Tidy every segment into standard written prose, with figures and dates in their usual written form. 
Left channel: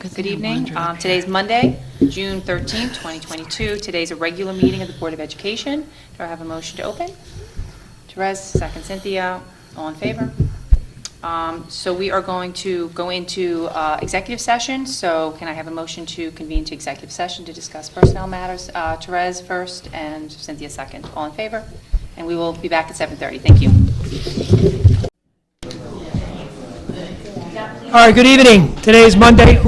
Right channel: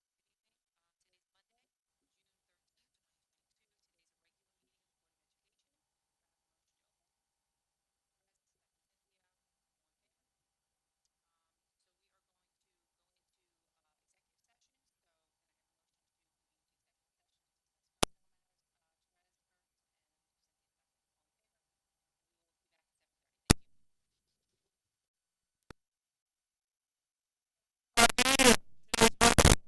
Good evening. Today's Monday, June 13th, 2022. Today's a regular meeting of the Board of Education. Do I have a motion to open? Therese, second Cynthia. All in favor? So we are going to go into executive session. So can I have a motion to convene to executive session to discuss personnel matters? Therese first and Cynthia second. All in favor? And we will be back at 7:30. Thank you. All right, good evening. Today is Monday,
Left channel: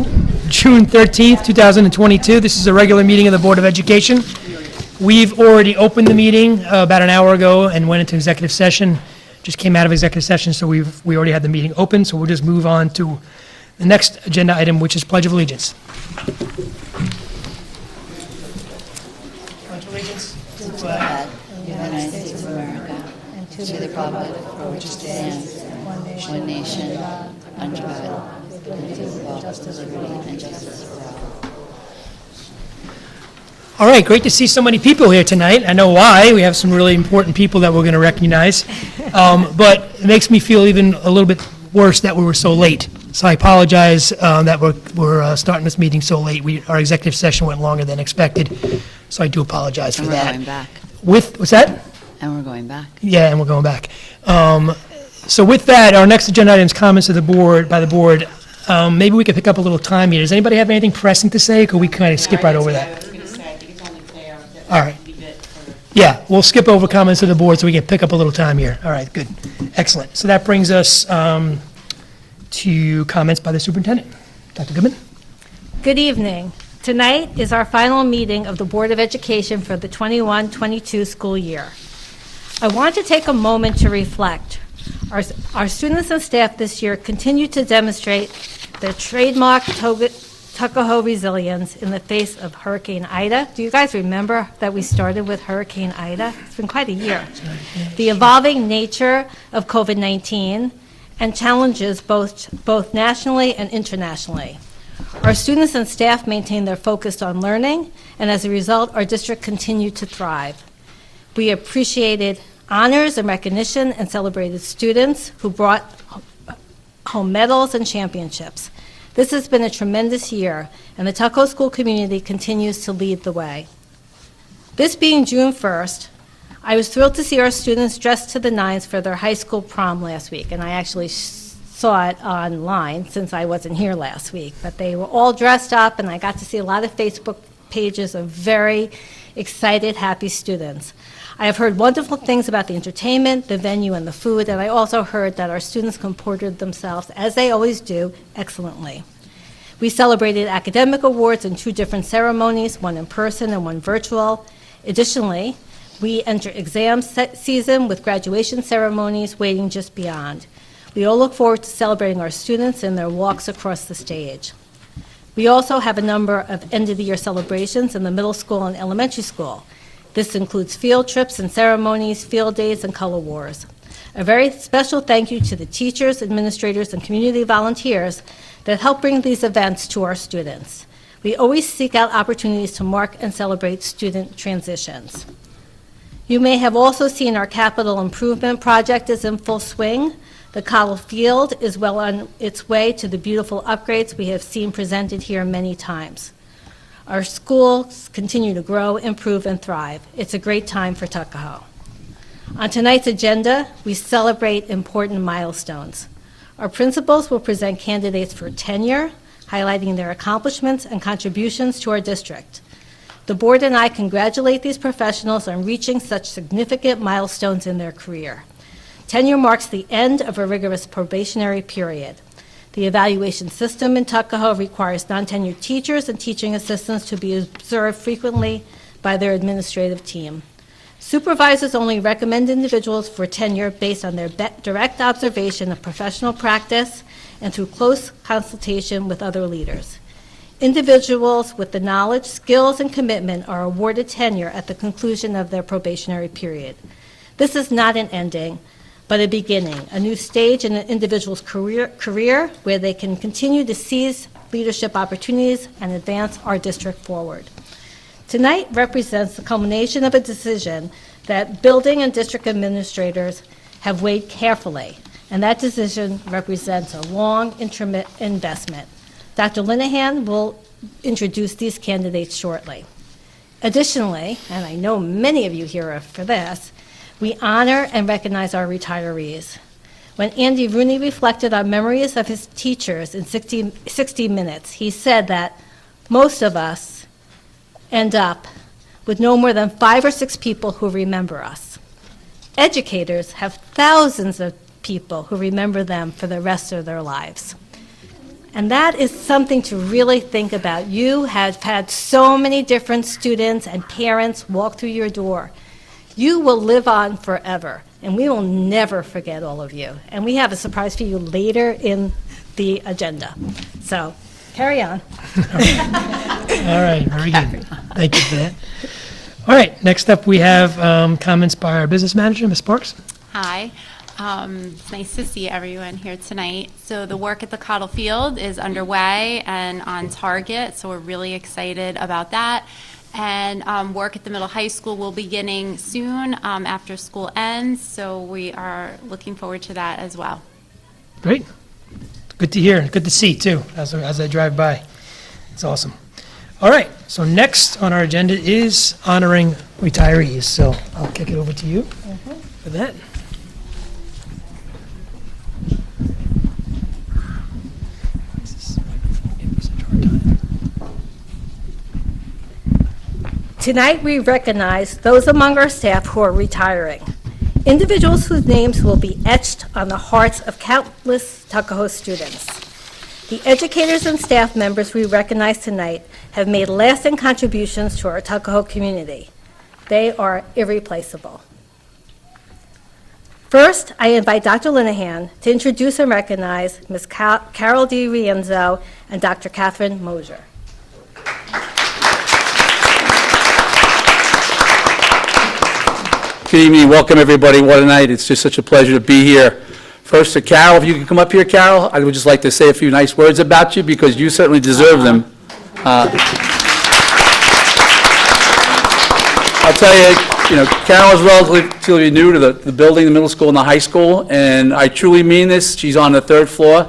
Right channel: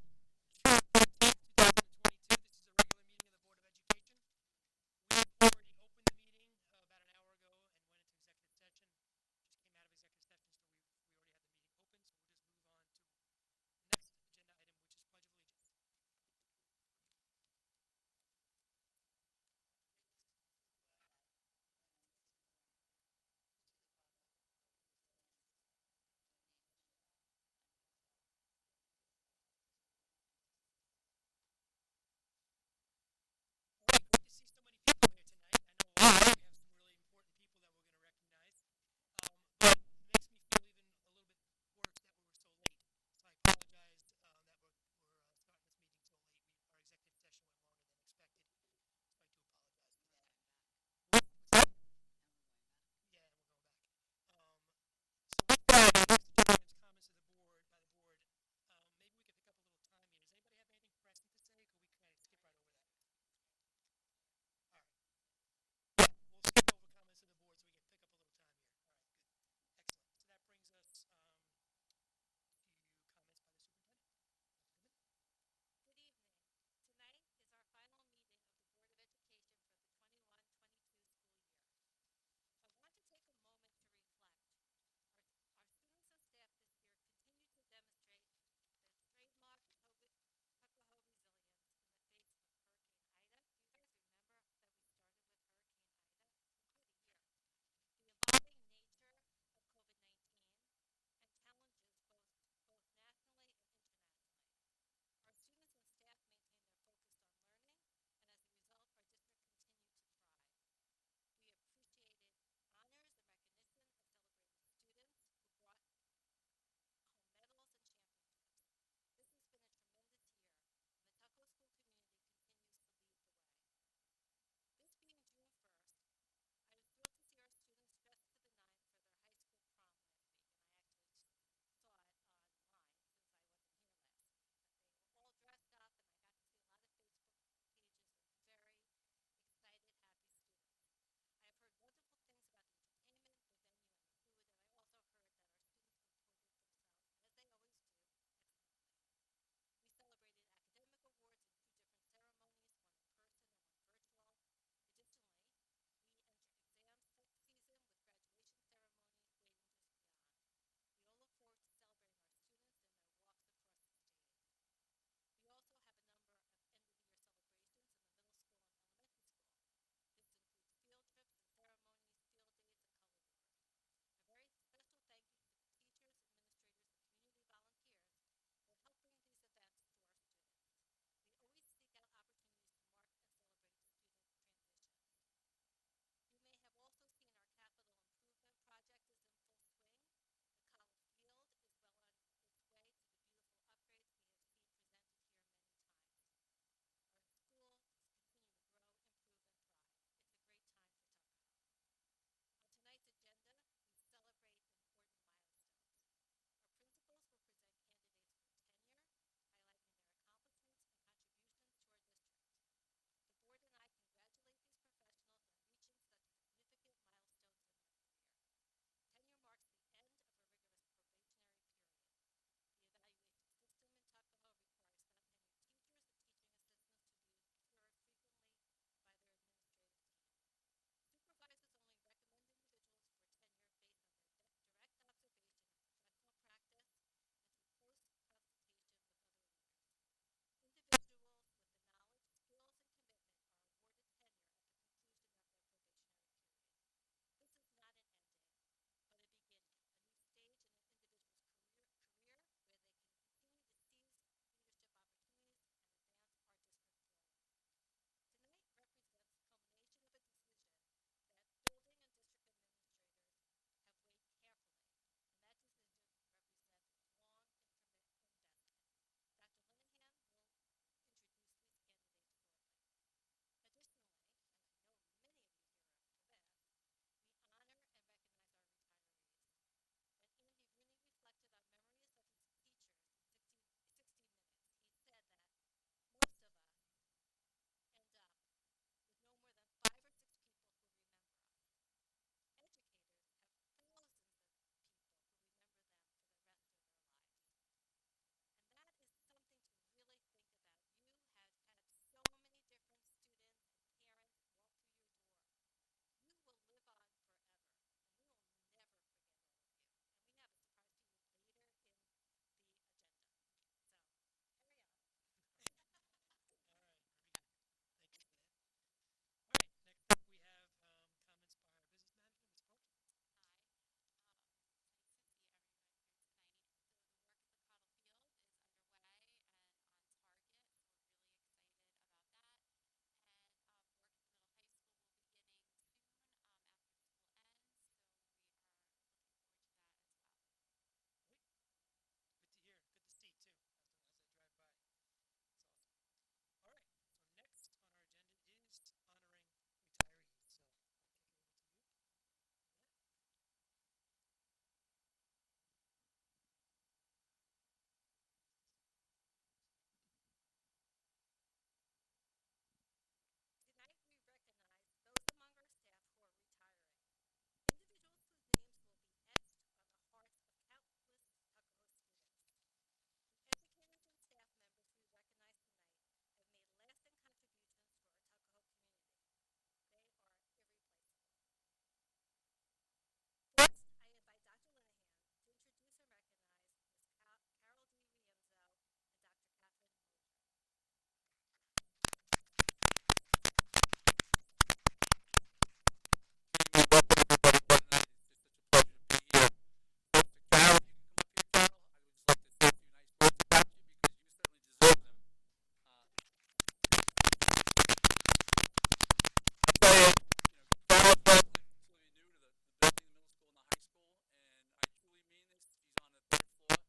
June 13th, 2022. This is a regular meeting of the Board of Education. We've already opened the meeting about an hour ago and went into executive session. Just came out of executive session, so we already had the meeting open, so we'll just move on to the next agenda item, which is Pledge of Allegiance. Pledge of Allegiance to the flag of the United States of America, and to the republic for which it stands, one nation, under God, with justice, liberty, and justice for all. All right, great to see so many people here tonight. I know why. We have some really important people that we're going to recognize. But it makes me feel even a little bit worse that we were so late. So I apologize that we're starting this meeting so late. Our executive session went longer than expected, so I do apologize for that. And we're going back. What's that? And we're going back. Yeah, and we're going back. So with that, our next agenda item is comments of the board, by the board. Maybe we could pick up a little time here. Does anybody have anything pressing to say, or could we kind of skip right over that? I was going to say, I think it's only fair that All right. we leave it for... Yeah, we'll skip over comments of the board so we can pick up a little time here. All right, good. Excellent. So that brings us to comments by the superintendent. Dr. Goodman? Good evening. Tonight is our final meeting of the Board of Education for the 21-22 school year. I want to take a moment to reflect. Our students and staff this year continue to demonstrate their trademark Tuckahoe resilience in the face of Hurricane Ida. Do you guys remember that we started with Hurricane Ida? It's been quite a year. The evolving nature of COVID-19 and challenges both nationally and internationally. Our students and staff maintain their focus on learning, and as a result, our district continued to thrive. We appreciated honors and recognition and celebrated students who brought home medals and championships. This has been a tremendous year, and the Tuckahoe School community continues to lead the way. This being June 1st, I was thrilled to see our students dressed to the nines for their high school prom last week, and I actually saw it online since I wasn't here last week, but they were all dressed up, and I got to see a lot of Facebook pages of very excited, happy students. I have heard wonderful things about the entertainment, the venue, and the food, and I also heard that our students comported themselves, as they always do, excellently. We celebrated academic awards in 2 different ceremonies, one in person and one virtual. Additionally, we enter exam season with graduation ceremonies waiting just beyond. We all look forward to celebrating our students and their walks across the stage. We also have a number of end-of-the-year celebrations in the middle school and elementary school. This includes field trips and ceremonies, field days, and color wars. A very special thank you to the teachers, administrators, and community volunteers that help bring these events to our students. We always seek out opportunities to mark and celebrate student transitions. You may have also seen our capital improvement project is in full swing. The Cottle Field is well on its way to the beautiful upgrades we have seen presented here many times. Our schools continue to grow, improve, and thrive. It's a great time for Tuckahoe. On tonight's agenda, we celebrate important milestones. Our principals will present candidates for tenure, highlighting their accomplishments and contributions to our district. The board and I congratulate these professionals on reaching such significant milestones in their career. Tenure marks the end of a rigorous probationary period. The evaluation system in Tuckahoe requires non-tenured teachers and teaching assistants to be observed frequently by their administrative team. Supervisors only recommend individuals for tenure based on their direct observation of professional practice and through close consultation with other leaders. Individuals with the knowledge, skills, and commitment are awarded tenure at the conclusion of their probationary period. This is not an ending, but a beginning, a new stage in an individual's career where they can continue to seize leadership opportunities and advance our district forward. Tonight represents the culmination of a decision that building and district administrators have weighed carefully, and that decision represents a long, intimate investment. Dr. Linehan will introduce these candidates shortly. Additionally, and I know many of you here are for this, we honor and recognize our retirees. When Andy Rooney reflected on memories of his teachers in 60 Minutes, he said that most of us end up with no more than 5 or 6 people who remember us. Educators have thousands of people who remember them for the rest of their lives. And that is something to really think about. You have had so many different students and parents walk through your door. You will live on forever, and we will never forget all of you. And we have a surprise for you later in the agenda. So, carry on. All right, very good. Thank you for that. All right, next up, we have comments by our business manager, Ms. Sparks. Hi. It's nice to see everyone here tonight. So the work at the Cottle Field is underway and on target, so we're really excited about that. And work at the middle high school will be beginning soon after school ends, so we are looking forward to that as well. Great. Good to hear, good to see, too, as I drive by. It's awesome. All right, so next on our agenda is honoring retirees, so I'll kick it over to you for that. Tonight, we recognize those among our staff who are retiring, individuals whose names will be etched on the hearts of countless Tuckahoe students. The educators and staff members we recognize tonight have made lasting contributions to our Tuckahoe community. They are irreplaceable. First, I invite Dr. Linehan to introduce and recognize Ms. Carol D. Rienzo and Dr. Catherine Mosier. Good evening, welcome everybody. What a night. It's just such a pleasure to be here. First to Carol, if you can come up here, Carol, I would just like to say a few nice words about you because you certainly deserve them. I'll tell you, Carol is relatively new to the building, the middle school and the high school, and I truly mean this. She's on the 3rd floor,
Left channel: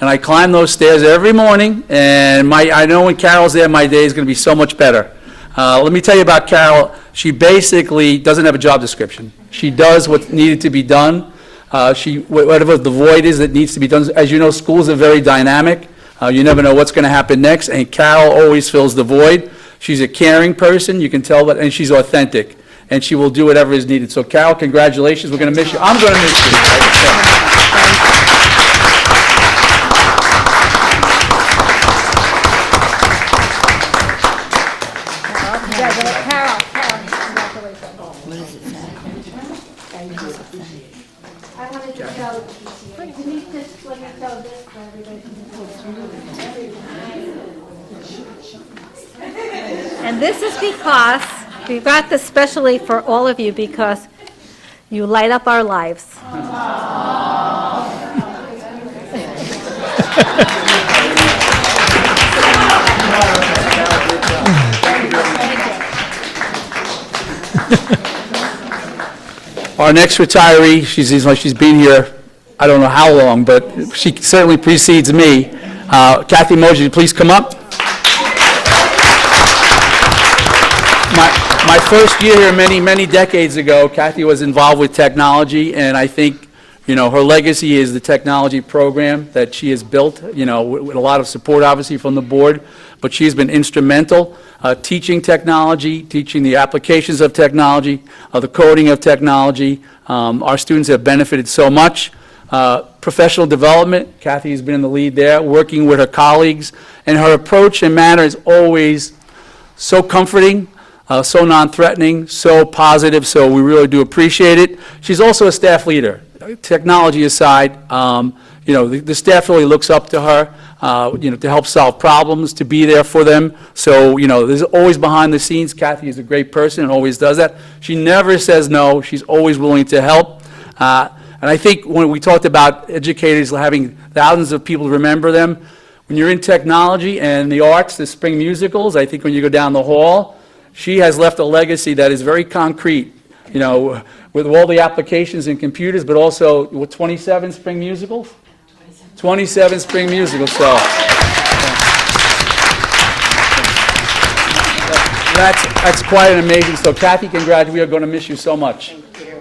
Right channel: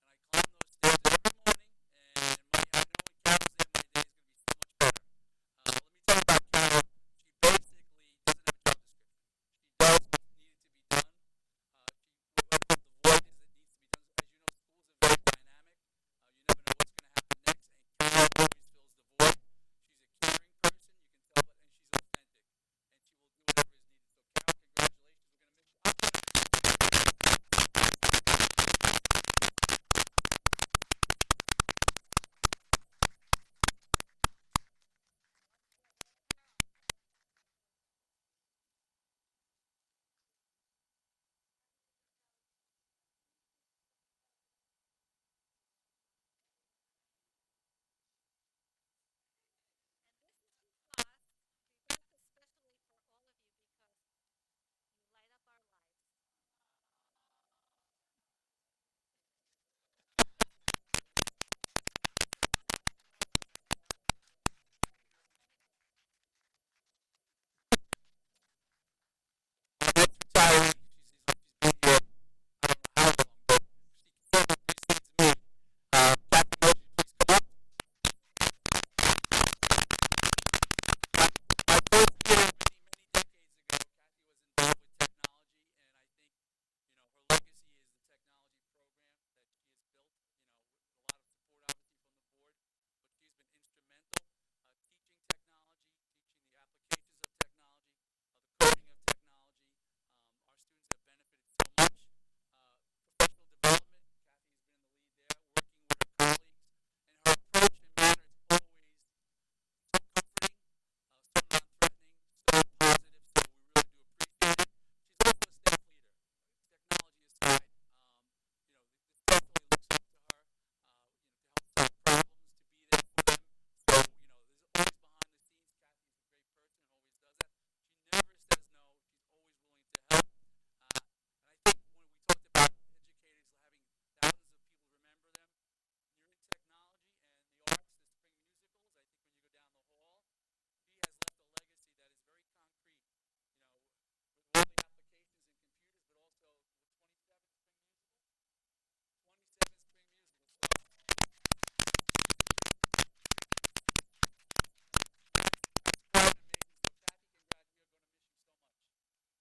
and I climb those stairs every morning, and I know when Carol's there, my day is going to be so much better. Let me tell you about Carol. She basically doesn't have a job description. She does what's needed to be done. Whatever the void is that needs to be done. As you know, schools are very dynamic. You never know what's going to happen next, and Carol always fills the void. She's a caring person, you can tell that, and she's authentic, and she will do whatever is needed. So Carol, congratulations. We're going to miss you. I'm going to miss you. What does it say? I wanted to show, you need to let me show this for everybody. And this is because, we got this specially for all of you because you light up our lives. Our next retiree, she's been here, I don't know how long, but she certainly precedes me. Kathy Mosier, please come up. My first year here many decades ago, Kathy was involved with technology, and I think, her legacy is the technology program that she has built, with a lot of support, obviously, from the board, but she's been instrumental teaching technology, teaching the applications of technology, the coding of technology. Our students have benefited so much. Professional development, Kathy has been in the lead there, working with her colleagues, and her approach and manner is always so comforting, so non-threatening, so positive, so we really do appreciate it. She's also a staff leader. Technology aside, the staff really looks up to her, to help solve problems, to be there for them. So, there's always behind the scenes. Kathy is a great person and always does that. She never says no. She's always willing to help. And I think when we talked about educators having thousands of people remember them, when you're in technology and the arts, the spring musicals, I think when you go down the hall, she has left a legacy that is very concrete, with all the applications and computers, but also with 27 spring musicals? 27 spring musicals, so. That's quite an amazing, so Kathy, congrats, we are going to miss you so much. Here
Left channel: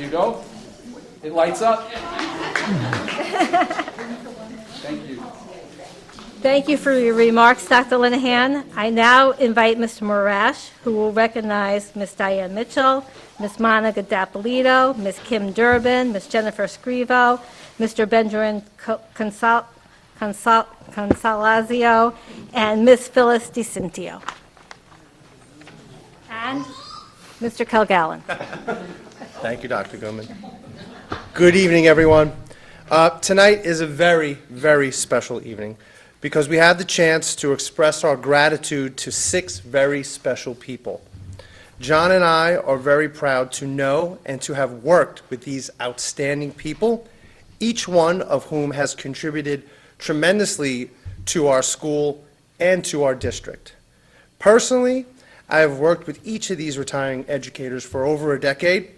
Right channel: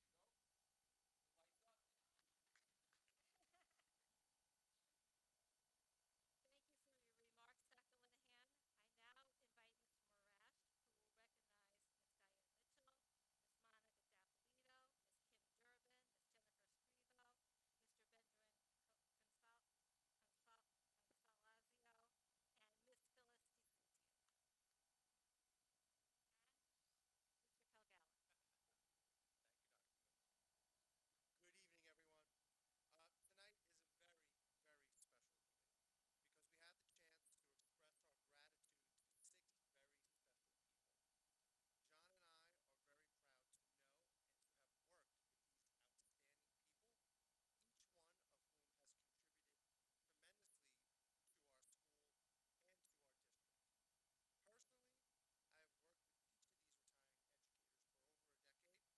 you go. It lights up. Thank you. Thank you for your remarks, Dr. Linehan. I now invite Mr. Morash, who will recognize Ms. Diane Mitchell, Ms. Monica Dapolito, Ms. Kim Durbin, Ms. Jennifer Scrivo, Mr. Benjamin Consalazio, and Ms. Phyllis DeCintio. And Mr. Kilgallen. Thank you, Dr. Goodman. Good evening, everyone. Tonight is a very, very special evening because we have the chance to express our gratitude to 6 very special people. John and I are very proud to know and to have worked with these outstanding people, each one of whom has contributed tremendously to our school and to our district. Personally, I have worked with each of these retiring educators for over a decade,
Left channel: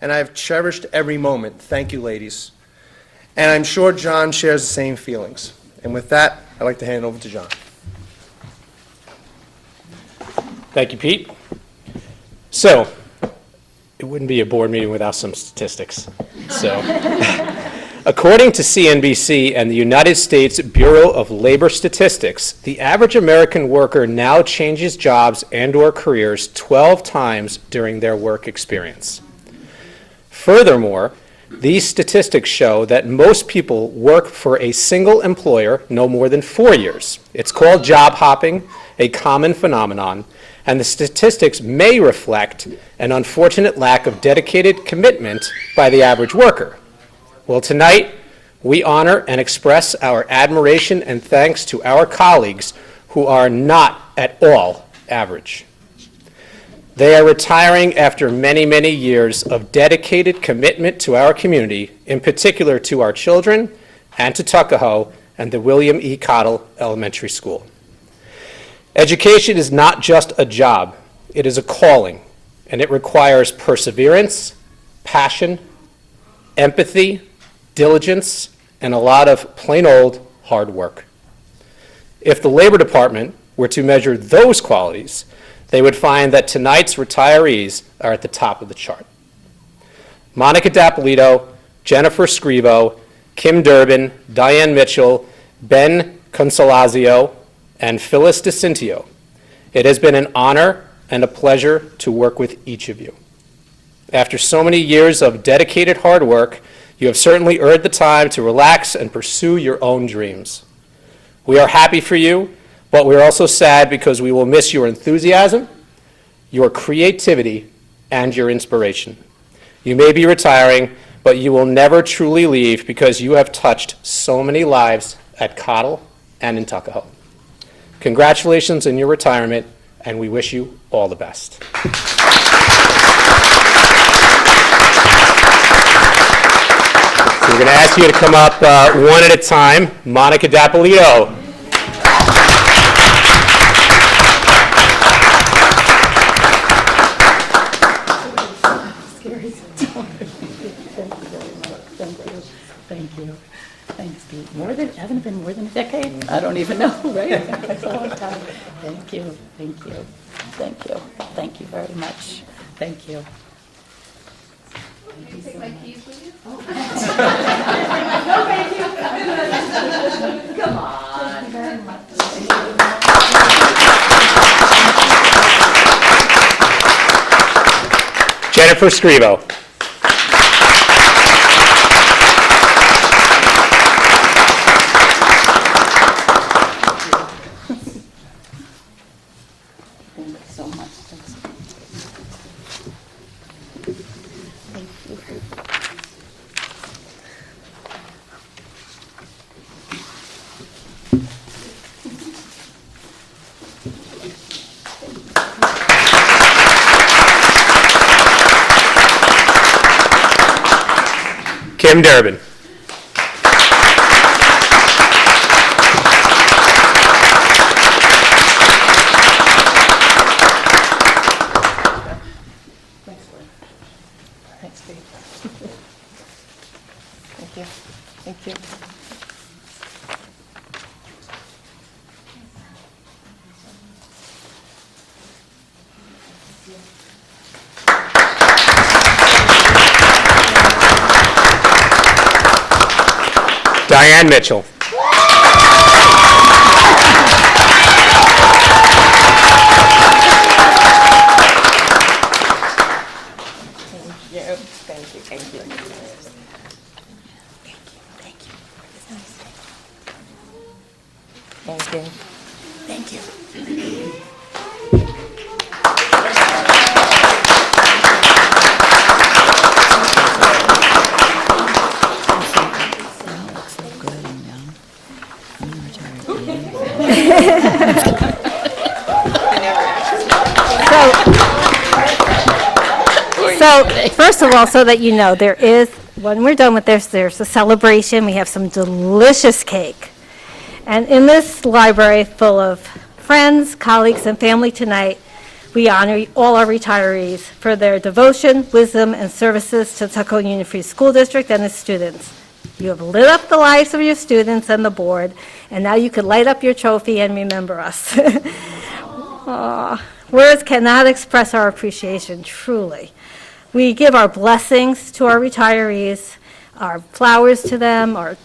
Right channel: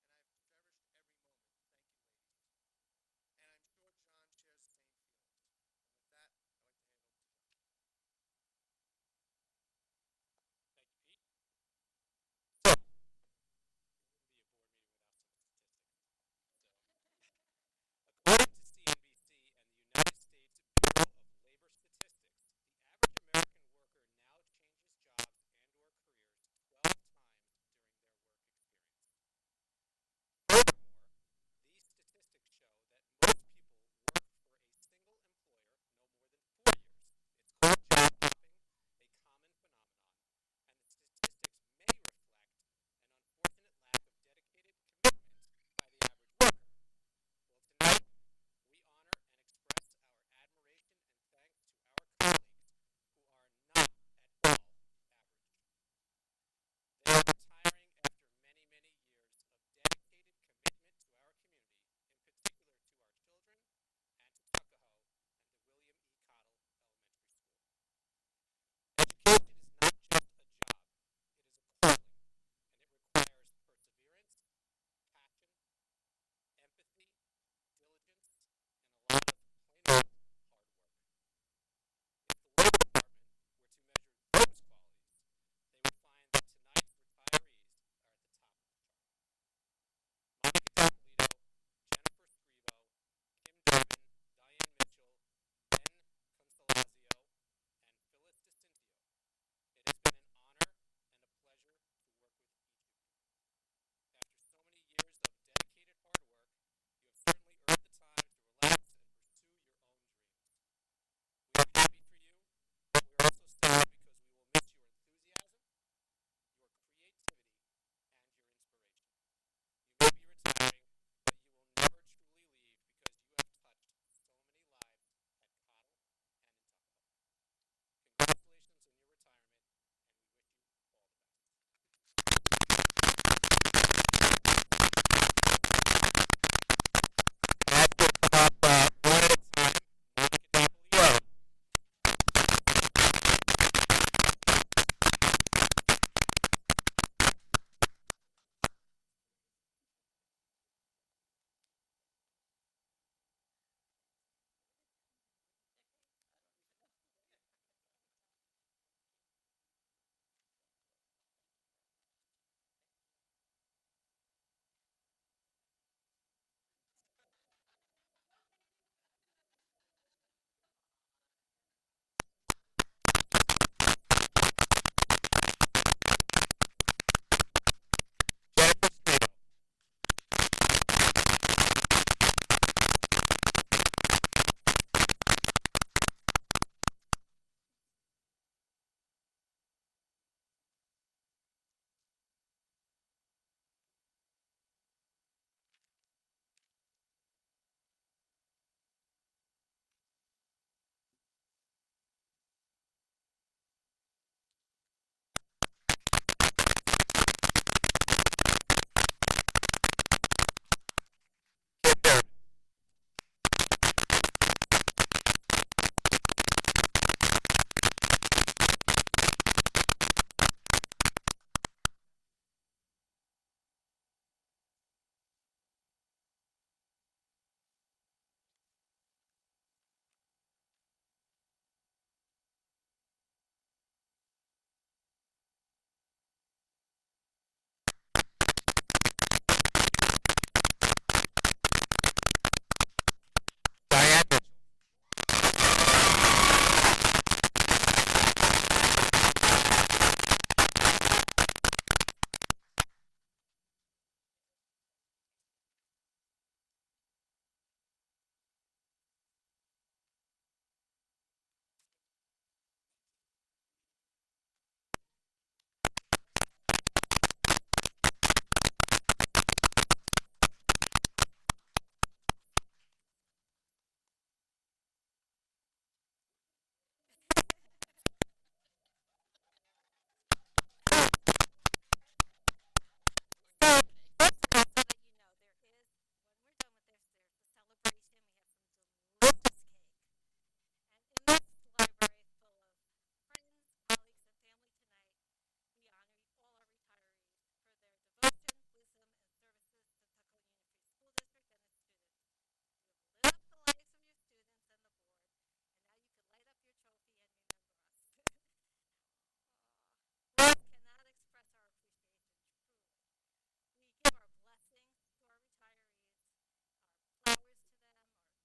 and I have cherished every moment. Thank you, ladies. And I'm sure John shares the same feelings. And with that, I'd like to hand it over to John. Thank you, Pete. So, it wouldn't be a board meeting without some statistics. So, according to CNBC and the United States Bureau of Labor Statistics, the average American worker now changes jobs and/or careers 12 times during their work experience. Furthermore, these statistics show that most people work for a single employer no more than 4 years. It's called job hopping, a common phenomenon, and the statistics may reflect an unfortunate lack of dedicated commitment by the average worker. Well, tonight, we honor and express our admiration and thanks to our colleagues who are not at all average. They are retiring after many, many years of dedicated commitment to our community, in particular to our children and to Tuckahoe and the William E. Cottle Elementary School. Education is not just a job, it is a calling, and it requires perseverance, passion, empathy, diligence, and a lot of plain old hard work. If the Labor Department were to measure those qualities, they would find that tonight's retirees are at the top of the chart. Monica Dapolito, Jennifer Scrivo, Kim Durbin, Diane Mitchell, Ben Consalazio, and Phyllis DeCintio. It has been an honor and a pleasure to work with each of you. After so many years of dedicated hard work, you have certainly earned the time to relax and pursue your own dreams. We are happy for you, but we are also sad because we will miss your enthusiasm, your creativity, and your inspiration. You may be retiring, but you will never truly leave because you have touched so many lives at Cottle and in Tuckahoe. Congratulations on your retirement, and we wish you all the best. So we're going to ask you to come up one at a time. Monica Dapolito. Thank you. Thanks, Pete. Hasn't it been more than a decade? I don't even know, right? That's a long time. Thank you, thank you, thank you. Thank you very much. Thank you. Come on. Thank you very much. Jennifer Scrivo. Thank you so much. Thank you. Kim Durbin. Thank you. Thank you. Diane Mitchell. So, first of all, so that you know, when we're done with this, there's a celebration. We have some delicious cake. And in this library full of friends, colleagues, and family tonight, we honor all our retirees for their devotion, wisdom, and services to the Tuckahoe Union Free School District and its students. You have lit up the lives of your students and the board, and now you can light up your trophy and remember us. Aw, words cannot express our appreciation, truly. We give our blessings to our retirees, our flowers to them, or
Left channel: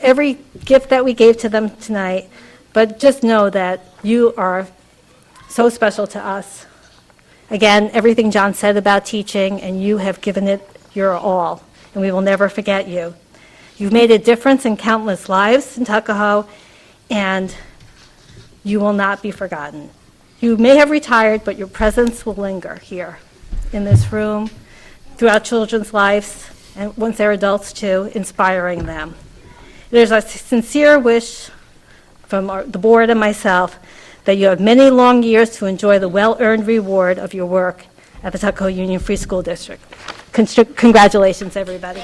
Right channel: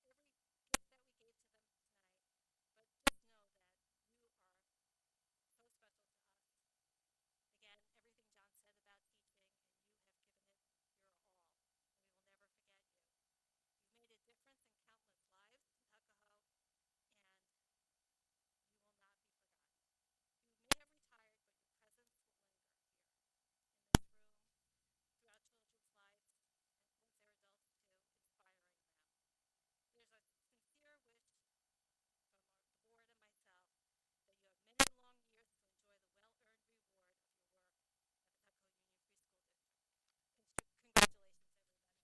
every gift that we gave to them tonight, but just know that you are so special to us. Again, everything John said about teaching, and you have given it your all, and we will never forget you. You've made a difference in countless lives in Tuckahoe, and you will not be forgotten. You may have retired, but your presence will linger here in this room, throughout children's lives, and once they're adults too, inspiring them. There's a sincere wish from the board and myself that you have many long years to enjoy the well-earned reward of your work at the Tuckahoe Union Free School District. Congratulations, everybody.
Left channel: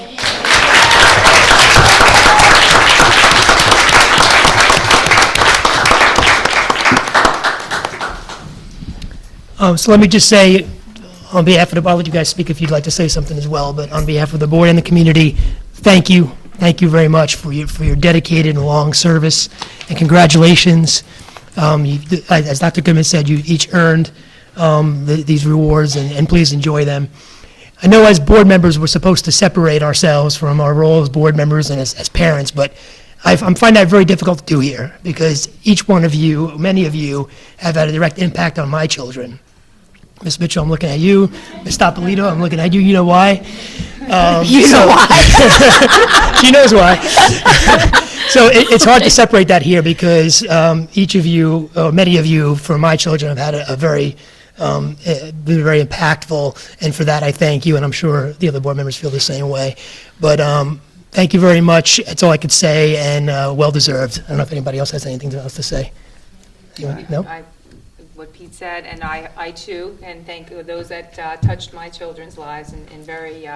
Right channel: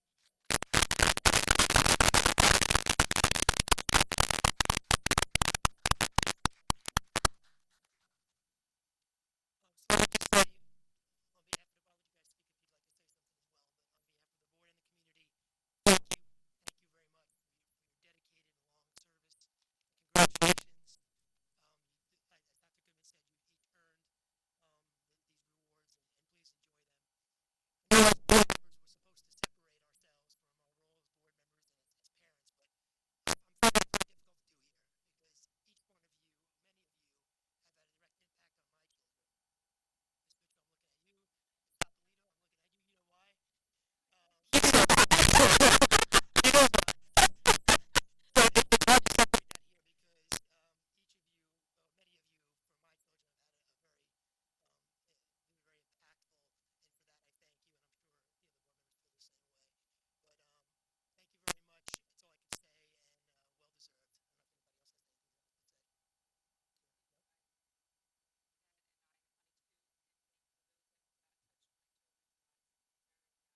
So let me just say, on behalf of the, I'll let you guys speak if you'd like to say something as well, but on behalf of the board and the community, thank you. Thank you very much for your dedicated and long service, and congratulations. As Dr. Goodman said, you each earned these rewards, and please enjoy them. I know as board members, we're supposed to separate ourselves from our role as board members and as parents, but I'm finding that very difficult to do here, because each one of you, many of you, have had a direct impact on my children. Ms. Mitchell, I'm looking at you. Ms. Topolito, I'm looking at you. You know why? You know why. She knows why. So it's hard to separate that here, because each of you, or many of you, for my children, have had a very, been very impactful, and for that I thank you, and I'm sure the other board members feel the same way. But thank you very much. That's all I could say, and well-deserved. I don't know if anybody else has anything else to say. Anyone? No? What Pete said, and I too, and thank those that touched my children's lives in very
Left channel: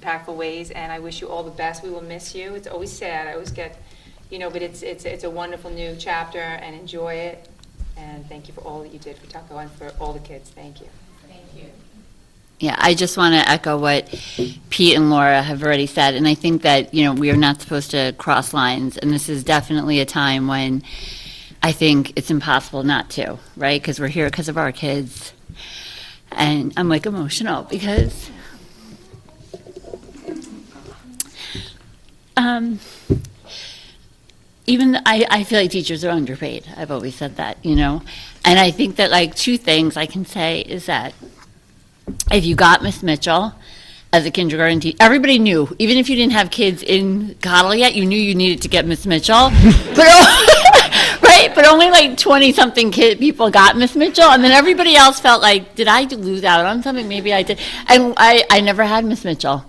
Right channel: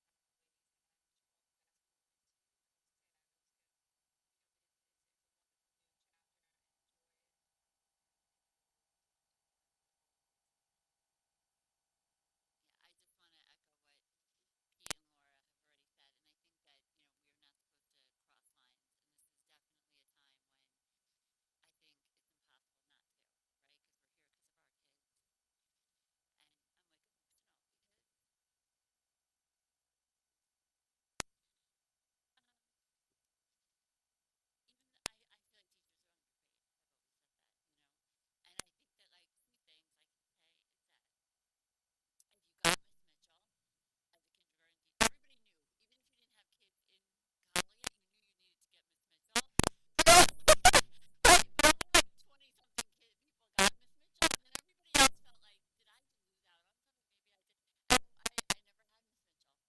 impactful ways, and I wish you all the best. We will miss you. It's always sad. I always get, but it's a wonderful new chapter, and enjoy it. And thank you for all that you did for Tuckahoe and for all the kids. Thank you. Thank you. Yeah, I just want to echo what Pete and Laura have already said, and I think that, we are not supposed to cross lines, and this is definitely a time when I think it's impossible not to, right? Because we're here because of our kids. And I'm like emotional because I feel like teachers are underpaid. I've always said that, And I think that two things I can say is that if you got Miss Mitchell as a kindergarten teacher, everybody knew, even if you didn't have kids in Cottle yet, you knew you needed to get Miss Mitchell. Right, but only 20-something people got Miss Mitchell, and then everybody else felt like, did I lose out on something? Maybe I did. And I never had Miss Mitchell.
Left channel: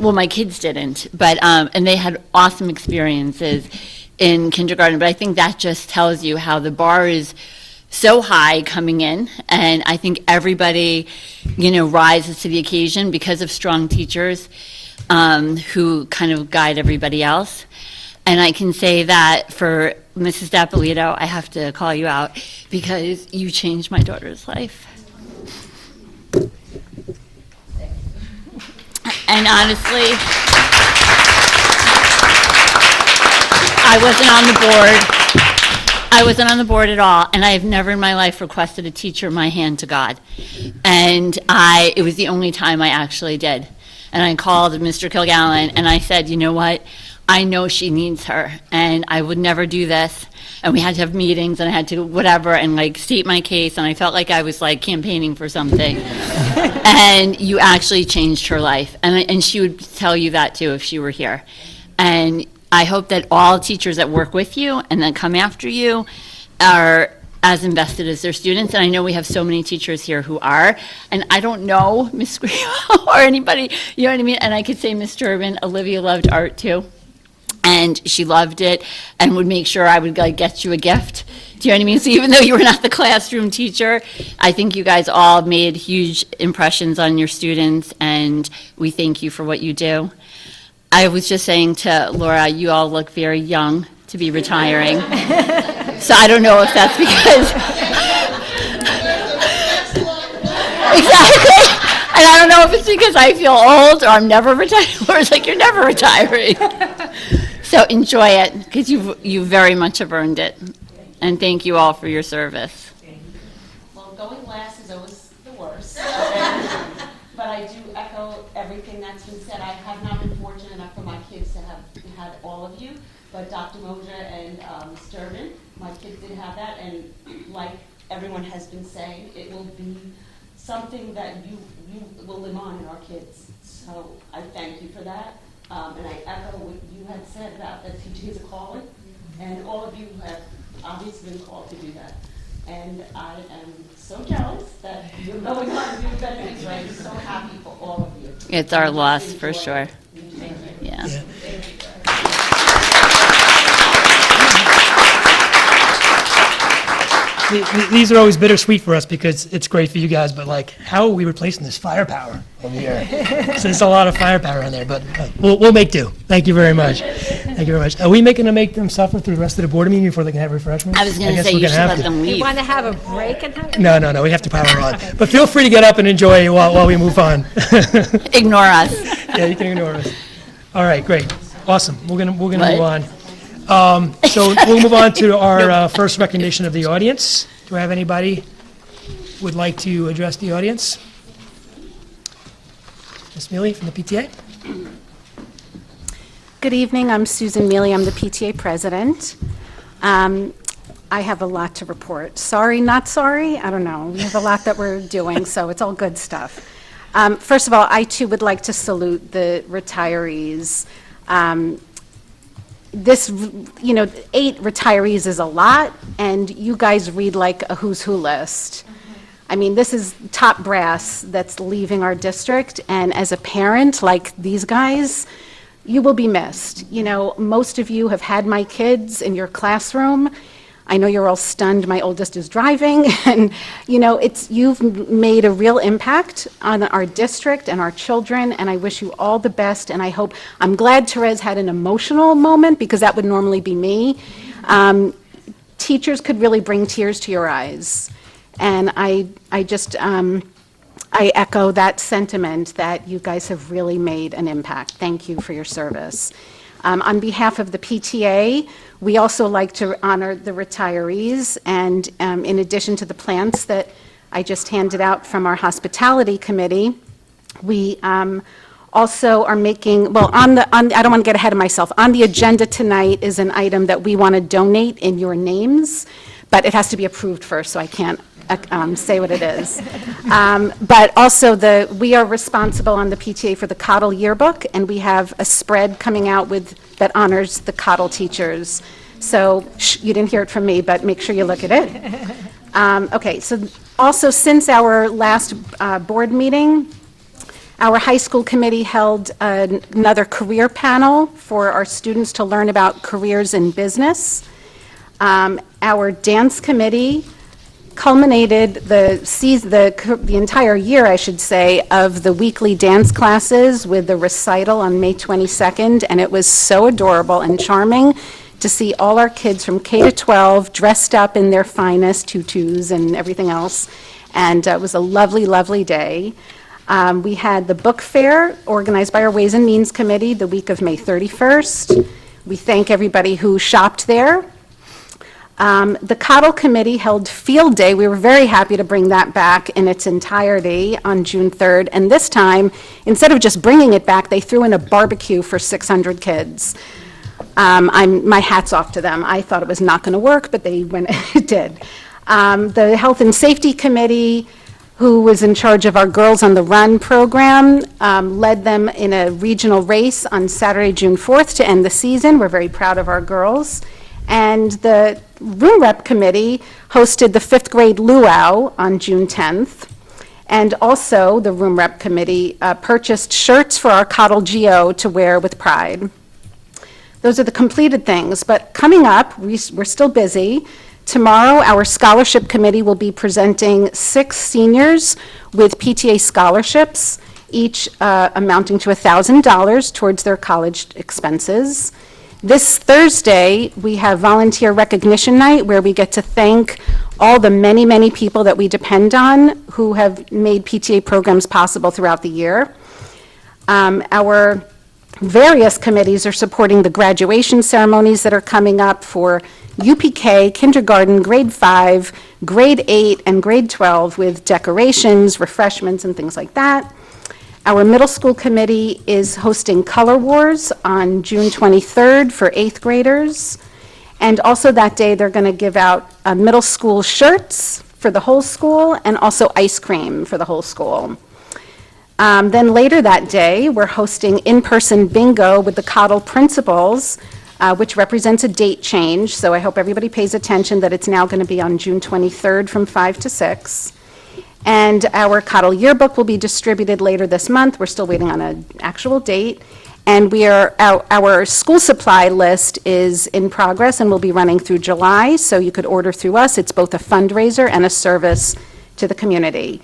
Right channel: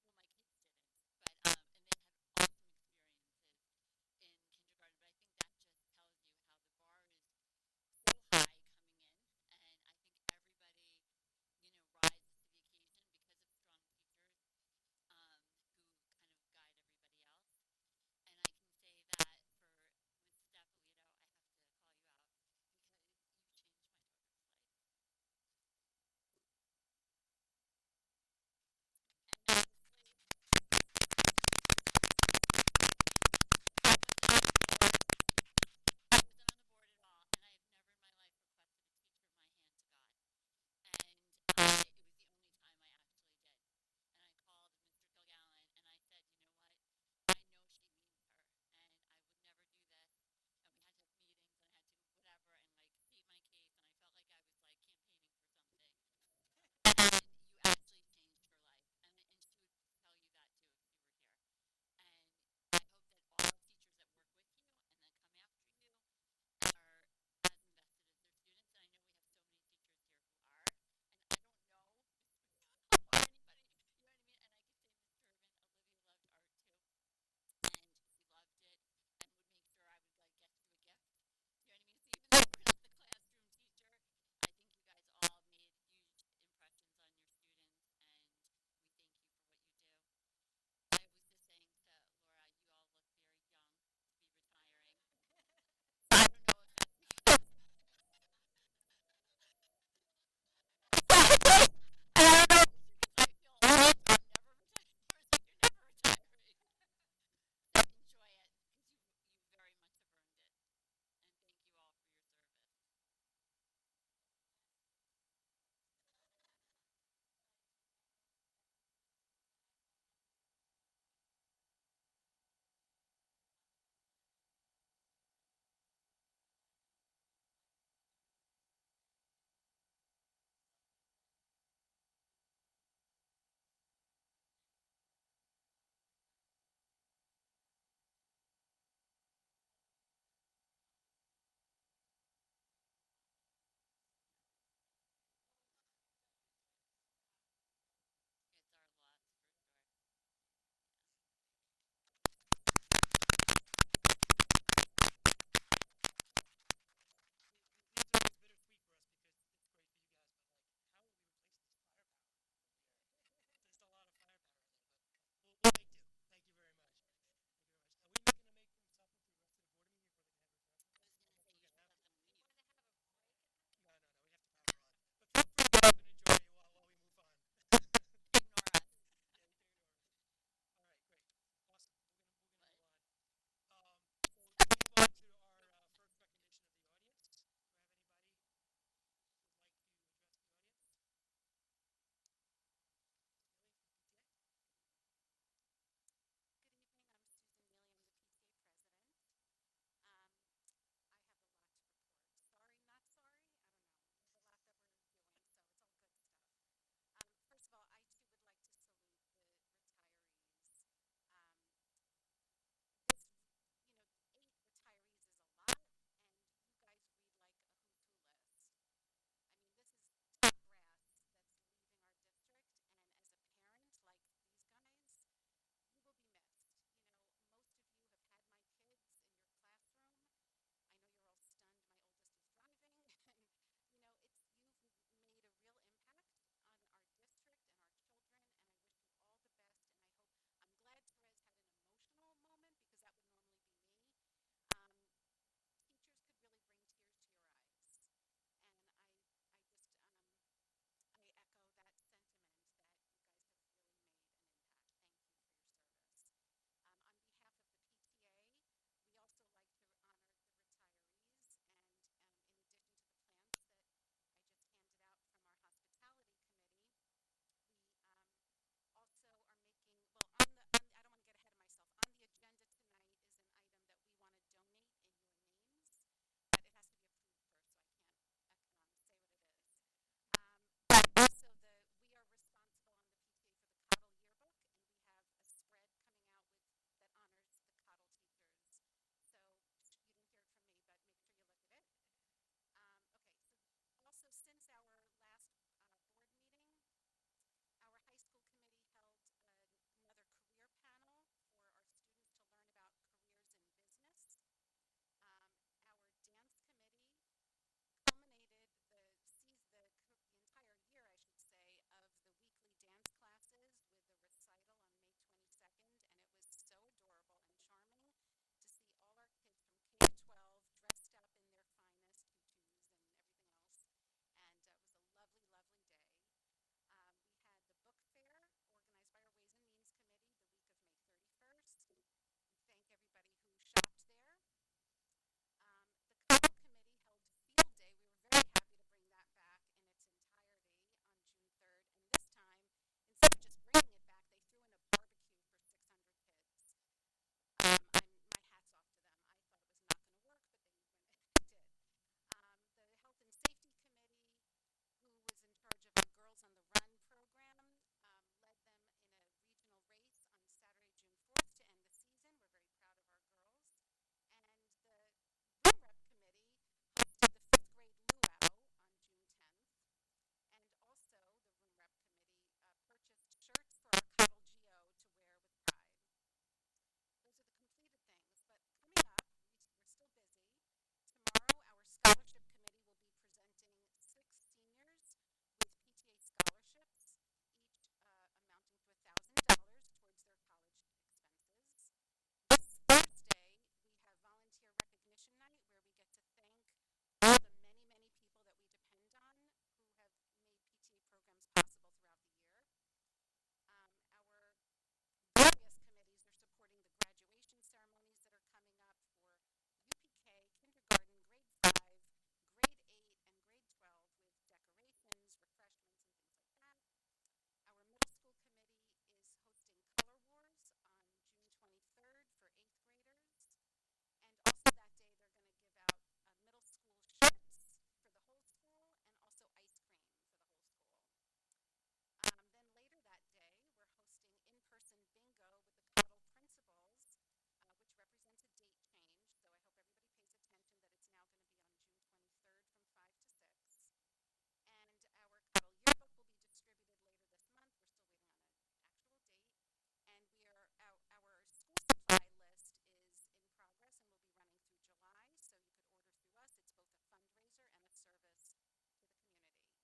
Well, my kids didn't, but and they had awesome experiences in kindergarten. But I think that just tells you how the bar is so high coming in, and I think everybody, rises to the occasion because of strong teachers who kind of guide everybody else. And I can say that for Mrs. Topolito, I have to call you out because you changed my daughter's life. And honestly, I wasn't on the board. I wasn't on the board at all, and I have never in my life requested a teacher my hand to God. And it was the only time I actually did. And I called Mr. Kilgallen, and I said, you know what? I know she needs her, and I would never do this. And we had to have meetings, and I had to whatever, and like state my case, and I felt like I was like campaigning for something. And you actually changed her life, and she would tell you that too if she were here. And I hope that all teachers that work with you and that come after you are as invested as their students. And I know we have so many teachers here who are. And I don't know Miss Grimo or anybody, you know what I mean? And I could say Miss Durbin, Olivia loved art too. And she loved it and would make sure I would like get you a gift. Do you know what I mean? So even though you were not the classroom teacher, I think you guys all made huge impressions on your students, and we thank you for what you do. I was just saying to Laura, you all look very young to be retiring. So I don't know if that's because... Exactly. And I don't know if it's because I feel old or I'm never retiring, or it's like you're never retiring. So enjoy it, because you very much have earned it. And thank you all for your service. Well, going last is always the worst. But I do echo everything that's been said. I have not been fortunate enough for my kids to have had all of you, but Dr. Moja and Ms. Durbin, my kids did have that, and like everyone has been saying, it will be something that you will live on in our kids. So I thank you for that. And I echo what you had said about that teaching is a calling, and all of you have obviously been called to do that. And I am so jealous that you're going on to do better things, right? I'm so happy for all of you. It's our loss, for sure. Thank you. Yeah. These are always bittersweet for us because it's great for you guys, but like, how are we replacing this firepower over here? So there's a lot of firepower in there, but we'll make do. Thank you very much. Thank you very much. Are we making them make them suffer through the rest of the board meeting before they can have refreshments? I was going to guess say we're you gonna should have let to. them You leave. want to have a break and have? No, we have to power on. But feel free to get up and enjoy while we move on. Ignore us. Yeah, you can ignore us. All right, great. Awesome. We're gonna What? move on. So we'll move on to our first recognition of the audience. Do I have anybody who would like to address the audience? Ms. Mealy from the PTA? Good evening, I'm Susan Mealy, I'm the PTA president. I have a lot to report. Sorry, not sorry, I don't know. We have a lot that we're doing, so it's all good stuff. First of all, I too would like to salute the retirees. This, 8 retirees is a lot, and you guys read like a who's who list. I mean, this is top brass that's leaving our district, and as a parent, like these guys, you will be missed. Most of you have had my kids in your classroom. I know you're all stunned my oldest is driving, and you've made a real impact on our district and our children, and I wish you all the best, and I'm glad Therese had an emotional moment, because that would normally be me. Teachers could really bring tears to your eyes, and I echo that sentiment that you guys have really made an impact. Thank you for your service. On behalf of the PTA, we also like to honor the retirees, and in addition to the plants that I just handed out from our hospitality committee, we also are making, I don't want to get ahead of myself. On the agenda tonight is an item that we want to donate in your names, but it has to be approved first, so I can't say what it is. But also, we are responsible on the PTA for the Cottle Yearbook, and we have a spread coming out that honors the Cottle teachers. So, you didn't hear it from me, but make sure you look at it. Okay, so also, since our last board meeting, our high school committee held another career panel for our students to learn about careers in business. Our dance committee culminated the entire year, I should say, of the weekly dance classes with the recital on May 22nd, and it was so adorable and charming to see all our kids from K to 12 dressed up in their finest tutus and everything else, and it was a lovely, lovely day. We had the book fair organized by our Ways and Means Committee the week of May 31st. We thank everybody who shopped there. The Cottle Committee held Field Day. We were very happy to bring that back in its entirety on June 3rd. And this time, instead of just bringing it back, they threw in a barbecue for 600 kids. My hat's off to them. I thought it was not going to work, but it did. The Health and Safety Committee, who was in charge of our Girls on the Run program, led them in a regional race on Saturday, June 4th to end the season. We're very proud of our girls. And the Room Rep Committee hosted the 5th grade luau on June 10th. And also, the Room Rep Committee purchased shirts for our Cottle Geo to wear with pride. Those are the completed things, but coming up, we're still busy. Tomorrow, our Scholarship Committee will be presenting 6 seniors with PTA scholarships, each amounting to $1,000 towards their college expenses. This Thursday, we have Volunteer Recognition Night, where we get to thank all the many, many people that we depend on who have made PTA programs possible throughout the year. Our various committees are supporting the graduation ceremonies that are coming up for UPK, kindergarten, grade 5, grade 8, and grade 12 with decorations, refreshments, and things like that. Our middle school committee is hosting Color Wars on June 23rd for 8th graders. And also that day, they're going to give out middle school shirts for the whole school and also ice cream for the whole school. Then later that day, we're hosting in-person bingo with the Cottle principals, which represents a date change. So I hope everybody pays attention that it's now going to be on June 23rd from 5 to 6. And our Cottle yearbook will be distributed later this month. We're still waiting on an actual date. And our school supply list is in progress and will be running through July, so you could order through us. It's both a fundraiser and a service to the community.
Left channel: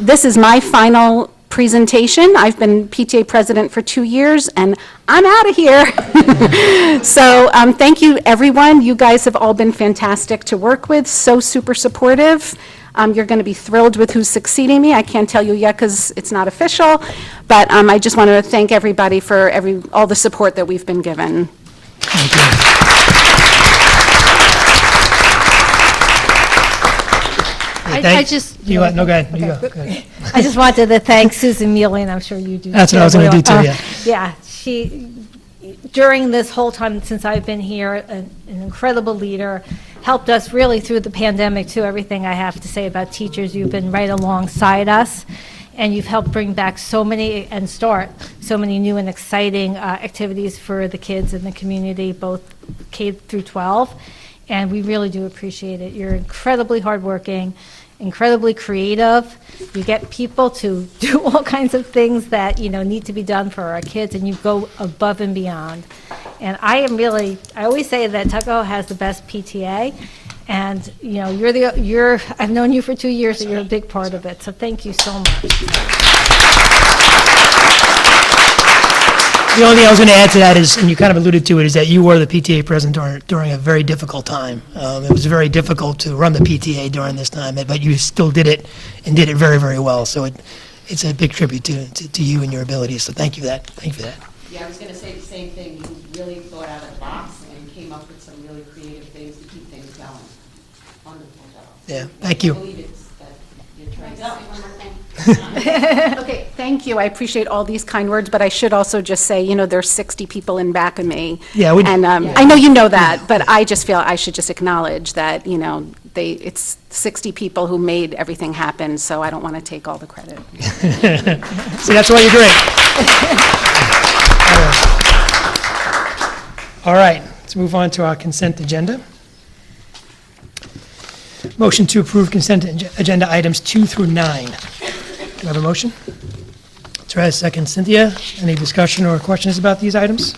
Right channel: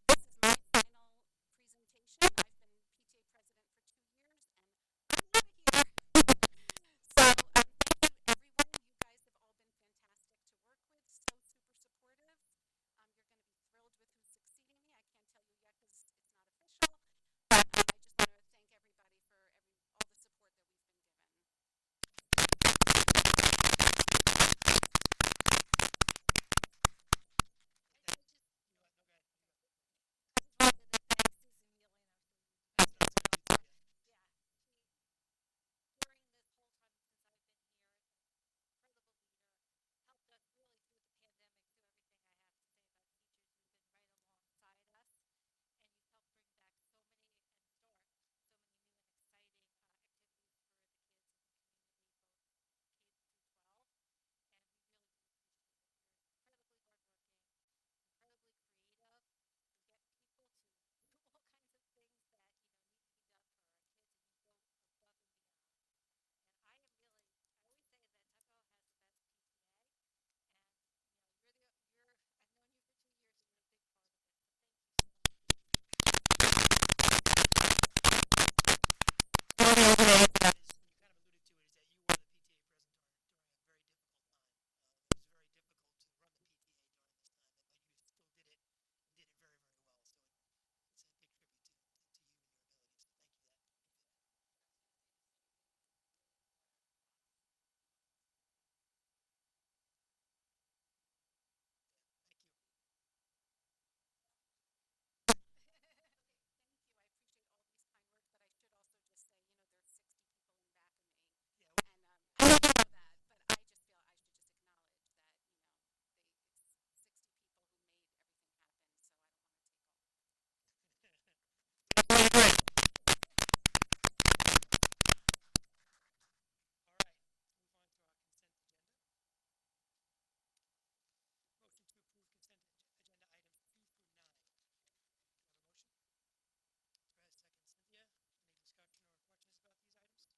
This is my final presentation. I've been PTA president for 2 years, and I'm out of here. So thank you, everyone. You guys have all been fantastic to work with, so super supportive. You're going to be thrilled with who's succeeding me. I can't tell you yet because it's not official, but I just wanted to thank everybody for all the support that we've been given. No, go ahead. You go. Go ahead. I just wanted to thank Susan Mealy, and I'm sure you do. That's what I was going to do too, yeah. Yeah, she, during this whole time since I've been here, an incredible leader, helped us really through the pandemic too. Everything I have to say about teachers, you've been right alongside us, and you've helped bring back so many and start so many new and exciting activities for the kids in the community, both K through 12, and we really do appreciate it. You're incredibly hardworking, incredibly creative. You get people to do all kinds of things that, need to be done for our kids, and you go above and beyond. And I always say that Tuckahoe has the best PTA, and, I've known you for 2 years, so you're a big part of it, so thank you so much. The only thing I was going to add to that is, and you kind of alluded to it, is that you were the PTA president during a very difficult time. It was very difficult to run the PTA during this time, but you still did it, and did it very, very well. So it's a big tribute to you and your abilities, so thank you for that. Thank you for that. Yeah, I was going to say the same thing. You really thought out of the box and came up with some really creative things to keep things going. Wonderful job. Yeah, thank you. I believe it's that you're trying to say one more thing. Okay, thank you. I appreciate all these kind words, but I should also just say, there's 60 people in back of me. Yeah, And I know you know that, but I just feel I should just acknowledge that, it's 60 people who made everything happen, so I don't want to take all the credit. See, that's why you're great. All right, let's move on to our consent agenda. Motion to approve consent agenda items 2 through 9. Do I have a motion? Therese, second. Cynthia, any discussion or questions about these items?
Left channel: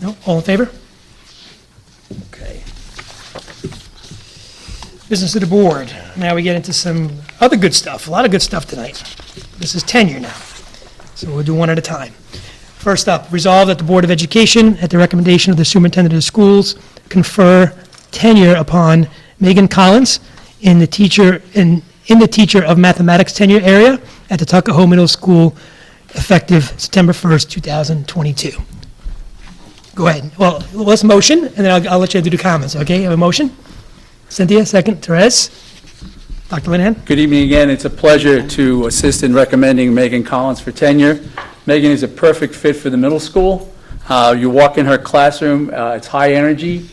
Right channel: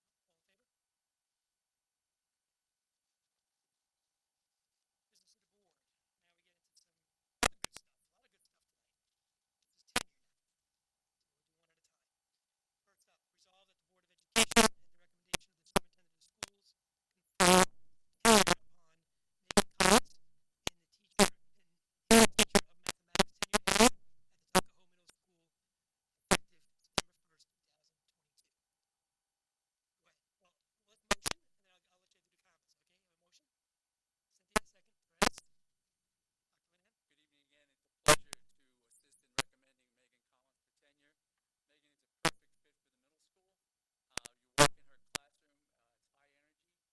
No? All in favor? Okay. Business of the board. Now we get into some other good stuff, a lot of good stuff tonight. This is tenure now, so we'll do one at a time. First up, resolve that the Board of Education, at the recommendation of the superintendent of schools, confer tenure upon Megan Collins in the teacher of mathematics tenure area at the Tuckahoe Middle School, effective September 1st, 2022. Go ahead. Well, let's motion, and then I'll let you do the comments, okay? You have a motion? Cynthia, second. Therese? Dr. Linehan? Good evening again. It's a pleasure to assist in recommending Megan Collins for tenure. Megan is a perfect fit for the middle school. You walk in her classroom, it's high energy.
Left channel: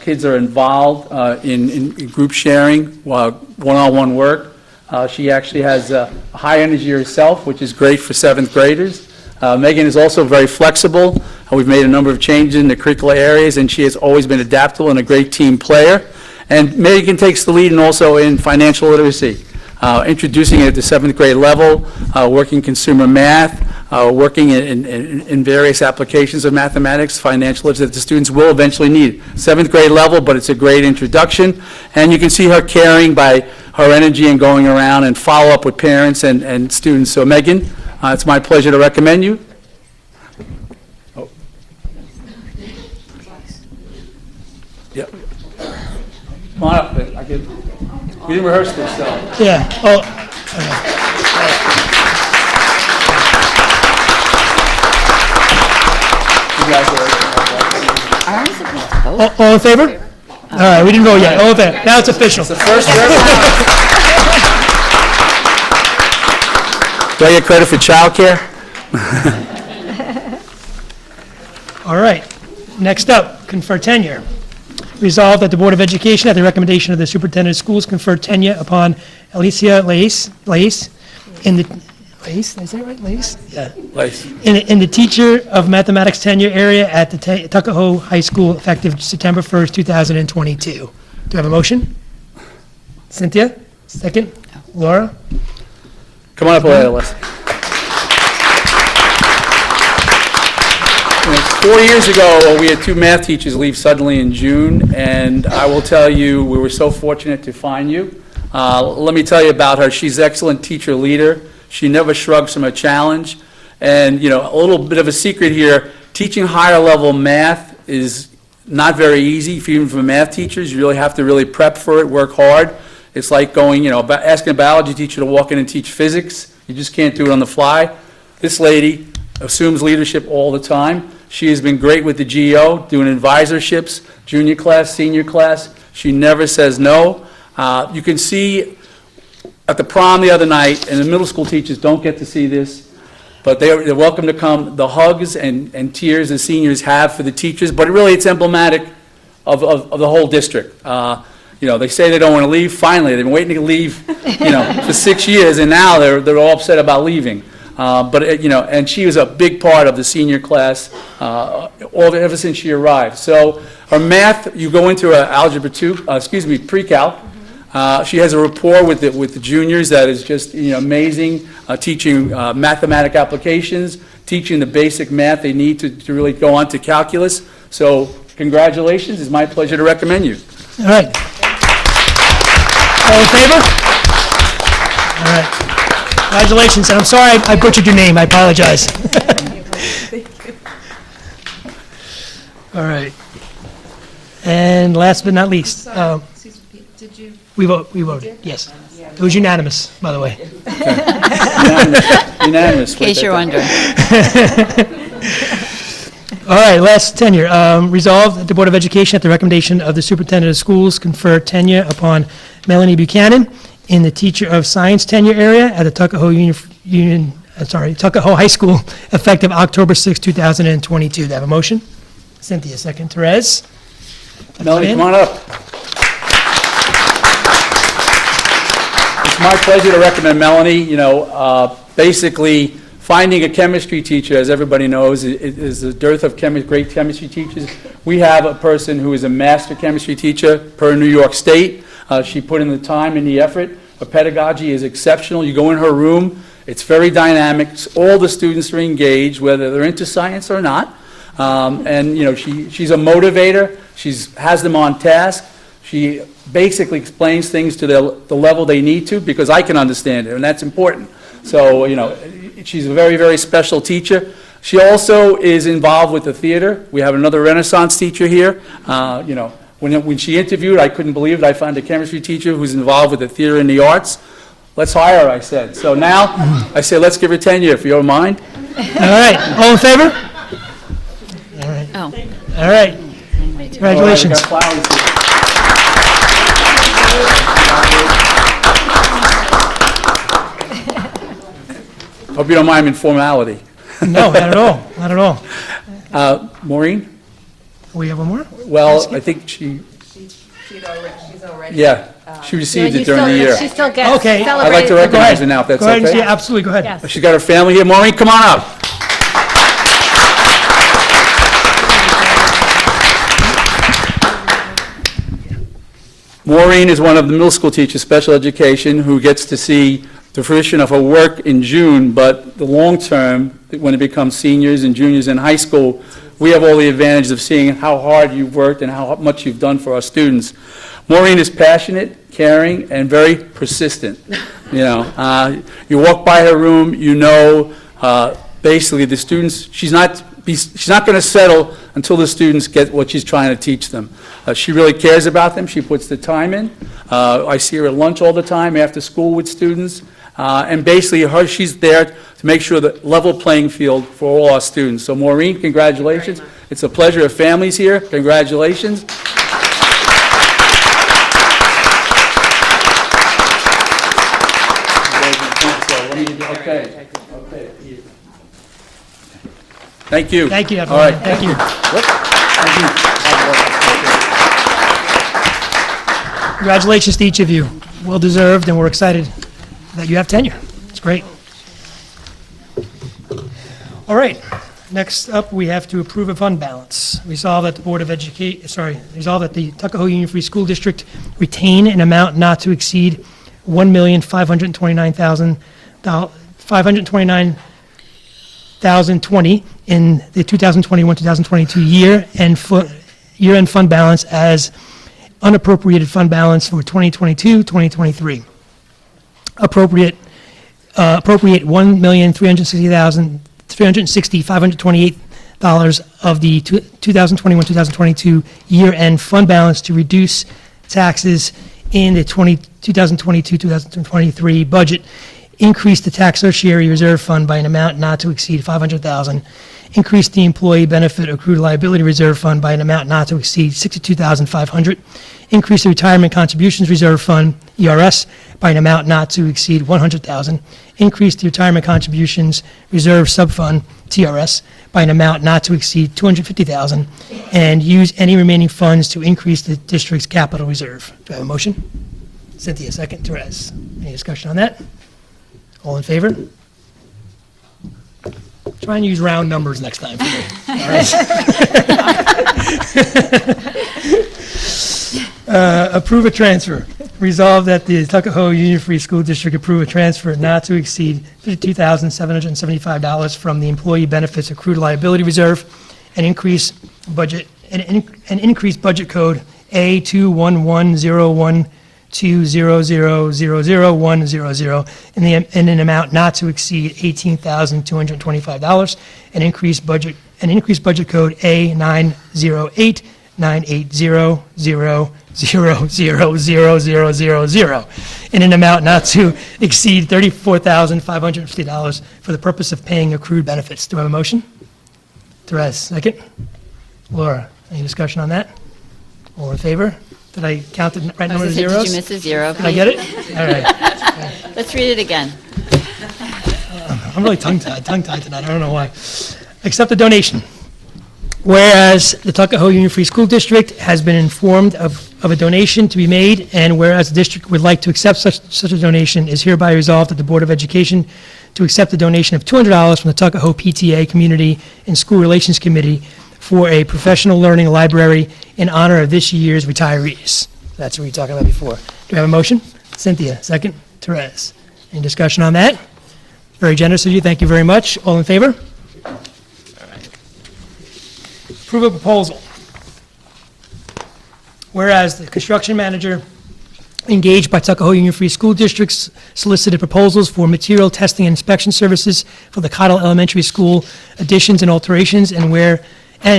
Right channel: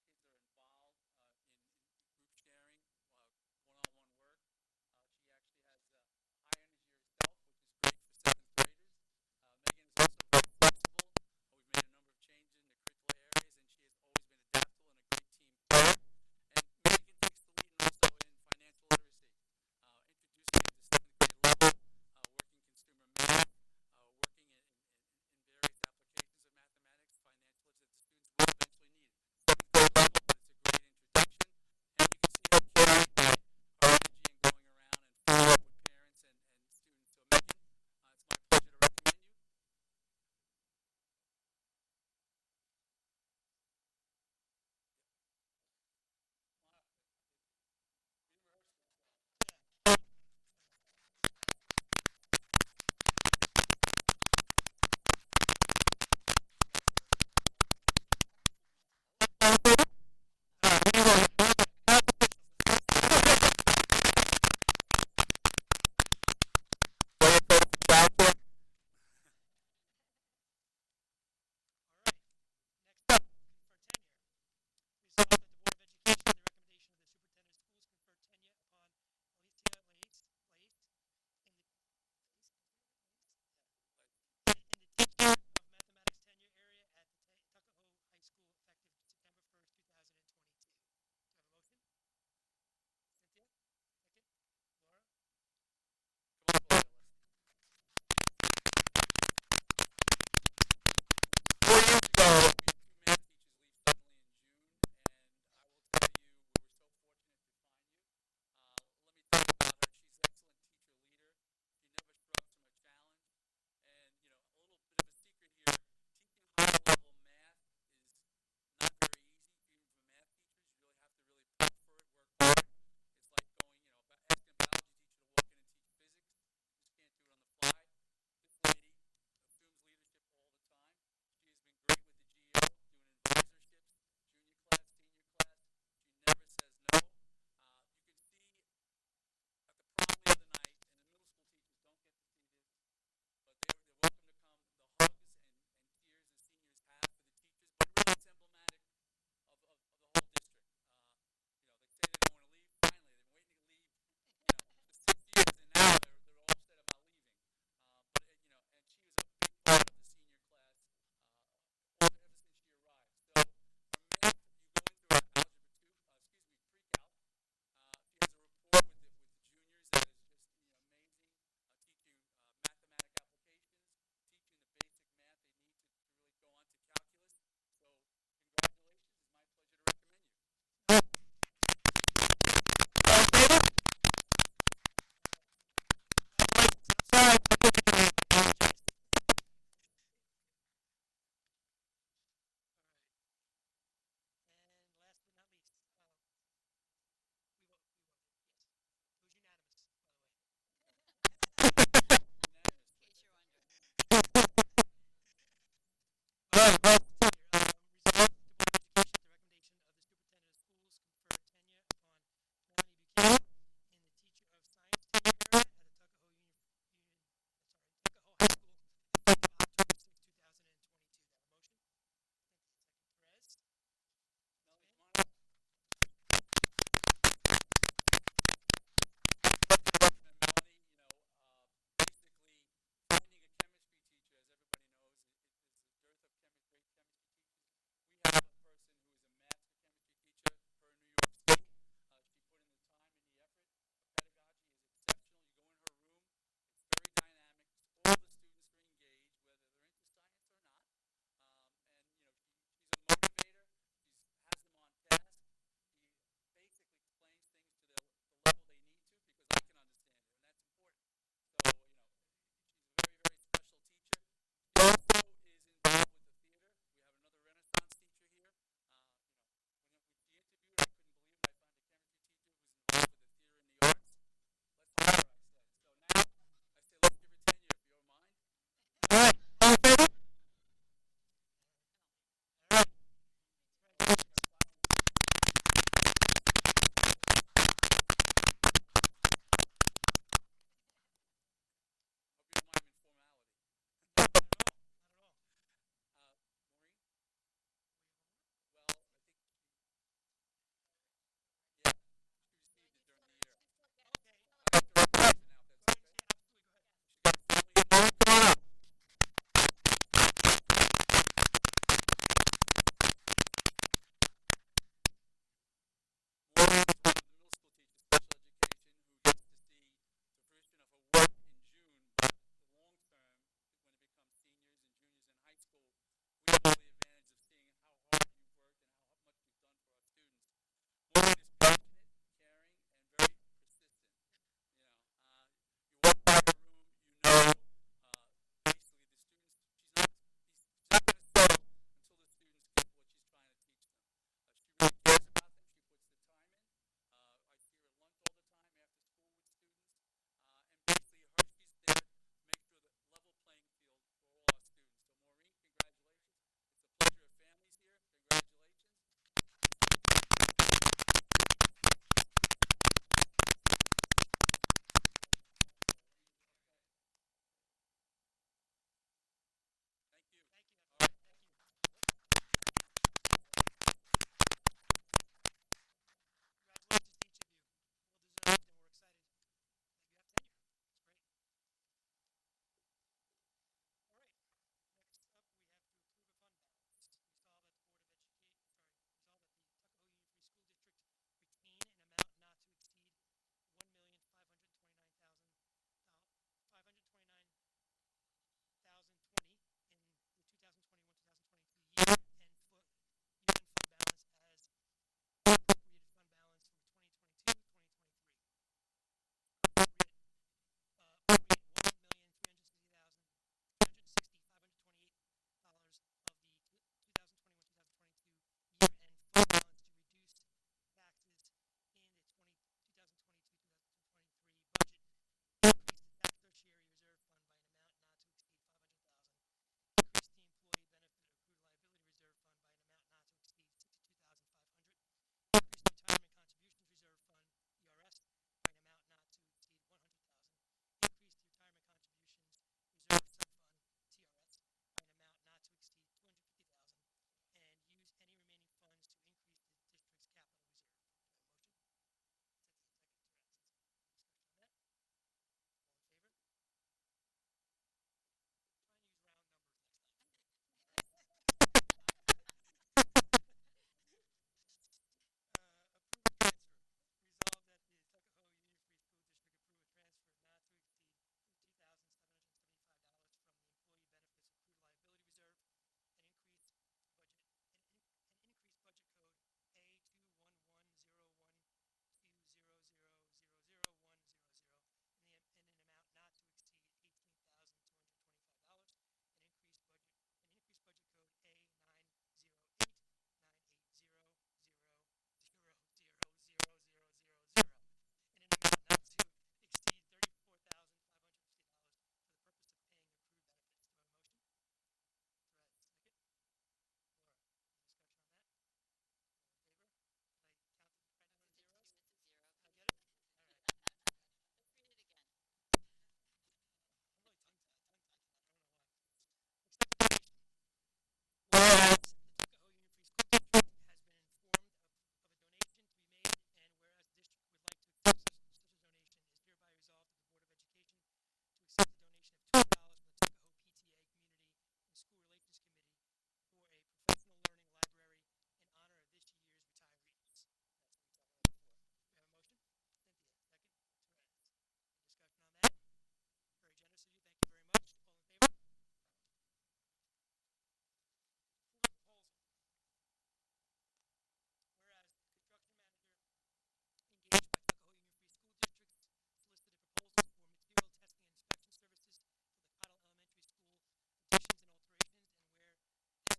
Kids are involved in group sharing, one-on-one work. She actually has high energy herself, which is great for seventh graders. Megan is also very flexible. We've made a number of changes in the curricular areas, and she has always been adaptable and a great team player. And Megan takes the lead and also in financial literacy, introducing it at the seventh grade level, working consumer math, working in various applications of mathematics, financial literacy that the students will eventually need. Seventh grade level, but it's a great introduction. And you can see her caring by her energy and going around and follow up with parents and students. So Megan, it's my pleasure to recommend you. Oh. Yep. Come on up. We didn't rehearse this, so. Yeah. Oh, You guys are- Aren't we supposed to vote? all in favor? All right, we didn't vote yet. All in favor. Now it's official. The first for everyone. Do I get credit for childcare? All right. Next up, confer tenure. Resolved that the Board of Education, at the recommendation of the Superintendent of Schools, confer tenure upon Alicia Lace in the, Lace, did I say it right, Lace? Yeah. Lace. In the teacher of mathematics tenure area at the Tuckahoe High School effective September 1st, 2022. Do I have a motion? Cynthia, second. Laura? Come on up, Les. 4 years ago, we had two math teachers leave suddenly in June, and I will tell you, we were so fortunate to find you. Let me tell you about her. She's an excellent teacher leader. She never shrugs from a challenge. And, you know, a little bit of a secret here, teaching higher level math is not very easy, even for math teachers. You really have to really prep for it, work hard. It's like going, asking a biology teacher to walk in and teach physics. You just can't do it on the fly. This lady assumes leadership all the time. She has been great with the GEO, doing advisorships, junior class, senior class. She never says no. You can see at the prom the other night, and the middle school teachers don't get to see this, but they're welcome to come. The hugs and tears the seniors have for the teachers, but really it's emblematic of the whole district. They say they don't want to leave. Finally, they've been waiting to leave, for 6 years, and now they're all upset about leaving. And she was a big part of the senior class ever since she arrived. So her math, you go into her algebra 2, pre-calc. She has a rapport with the juniors that is just amazing, teaching mathematic applications, teaching the basic math they need to really go on to calculus. So congratulations. It's my pleasure to recommend you. All right. All in favor? All right. Congratulations, and I'm sorry I butchered your name, I apologize. All right. And last but not least, Did you? we voted, yes. It was unanimous, by the way. Unanimous. In case you're wondering. All right, last tenure. Resolved that the Board of Education, at the recommendation of the Superintendent of Schools, confer tenure upon Melanie Buchanan in the Teacher of Science tenure area at the Tuckahoe High School, effective October 6, 2022. Do I have a motion? Cynthia, second. Therese? Melanie, come on up. It's my pleasure to recommend Melanie. Basically, finding a chemistry teacher, as everybody knows, is a dearth of great chemistry teachers. We have a person who is a master chemistry teacher per New York State. She put in the time and the effort. Her pedagogy is exceptional. You go in her room, it's very dynamic. All the students are engaged, whether they're into science or not. She's a motivator. She has them on task. She basically explains things to the level they need to, because I can understand it, and that's important. So, she's a very, very special teacher. She also is involved with the theater. We have another Renaissance teacher here. When she interviewed, I couldn't believe it. I found a chemistry teacher who's involved with the theater and the arts. Let's hire her, I said. So now, I say, let's give her tenure, if you don't mind. All right, all in favor? All right. Oh. All right. Congratulations. All right, we got flowers here. Hope you don't mind informality. No, not at all, not at all. Maureen? We have one more? Well, I think she's already. Yeah, she received it during the year. She still gets Okay. I'd I'd like to celebrated. recognize her now, if that's Go ahead and okay. see, absolutely, go ahead. Yes. She's got her family here. Maureen, come on up. Maureen is one of the middle school teachers, special education, who gets to see the fruition of her work in June, but the long term, when it becomes seniors and juniors in high school, we have all the advantages of seeing how hard you've worked and how much you've done for our students. Maureen is passionate, caring, and very persistent. You walk by her room, basically the students, she's not going to settle until the students get what she's trying to teach them. She really cares about them. She puts the time in. I see her at lunch all the time, after school with students. And basically, she's there to make sure the level playing field for all our students. So Maureen, congratulations. It's a pleasure. Her family's here. Congratulations. Okay. Thank you. Thank you, All everyone. right. Thank you. Congratulations to each of you. Well-deserved, and we're excited that you have tenure. It's great. All right, next up, we have to approve a fund balance. Resolve that the resolve that the Tuckahoe Union Free School District retain an amount not to exceed $1,529,020 in the 2021-2022 year-end fund balance as unappropriated fund balance for 2022-2023. Appropriate $1,360,528 of the 2021-2022 year-end fund balance to reduce taxes in the 2022-2023 budget. Increase the tax tertiary reserve fund by an amount not to exceed $500,000. Increase the employee benefit accrued liability reserve fund by an amount not to exceed $62,500. Increase the retirement contributions reserve fund, ERS, by an amount not to exceed $100,000. Increase the retirement contributions reserve subfund, TRS, by an amount not to exceed $250,000, and use any remaining funds to increase the district's capital reserve. Do I have a motion? Cynthia, second. Therese. Any discussion on that? All in favor? Try and use round numbers next time for me. All right. Approve a transfer. Resolve that the Tuckahoe Union Free School District approve a transfer not to exceed $52,775 from the Employee Benefits Accrued Liability Reserve and increase budget code A211012000000100 in an amount not to exceed $18,225 and increase budget code A9089800000000 in an amount not to exceed $34,550 for the purpose of paying accrued benefits. Do I have a motion? Therese, second. Laura, any discussion on that? All in favor? Did I count the right number of Did zeros? you miss a zero? Did I get it? All right. Let's read it again. I'm really tongue-tied tonight. I don't know why. Accept a donation. Whereas the Tuckahoe Union Free School District has been informed of a donation to be made, and whereas the district would like to accept such a donation, is hereby resolved that the Board of Education to accept a donation of $200 from the Tuckahoe PTA Community and School Relations Committee for a professional learning library in honor of this year's retirees. That's what we were talking about before. Do we have a motion? Cynthia, second. Therese. Any discussion on that? Very generous of you. Thank you very much. All in favor? Approve a proposal. Whereas the construction manager engaged by Tuckahoe Union Free School Districts solicited proposals for material testing and inspection services for the Cottle Elementary School additions and alterations, and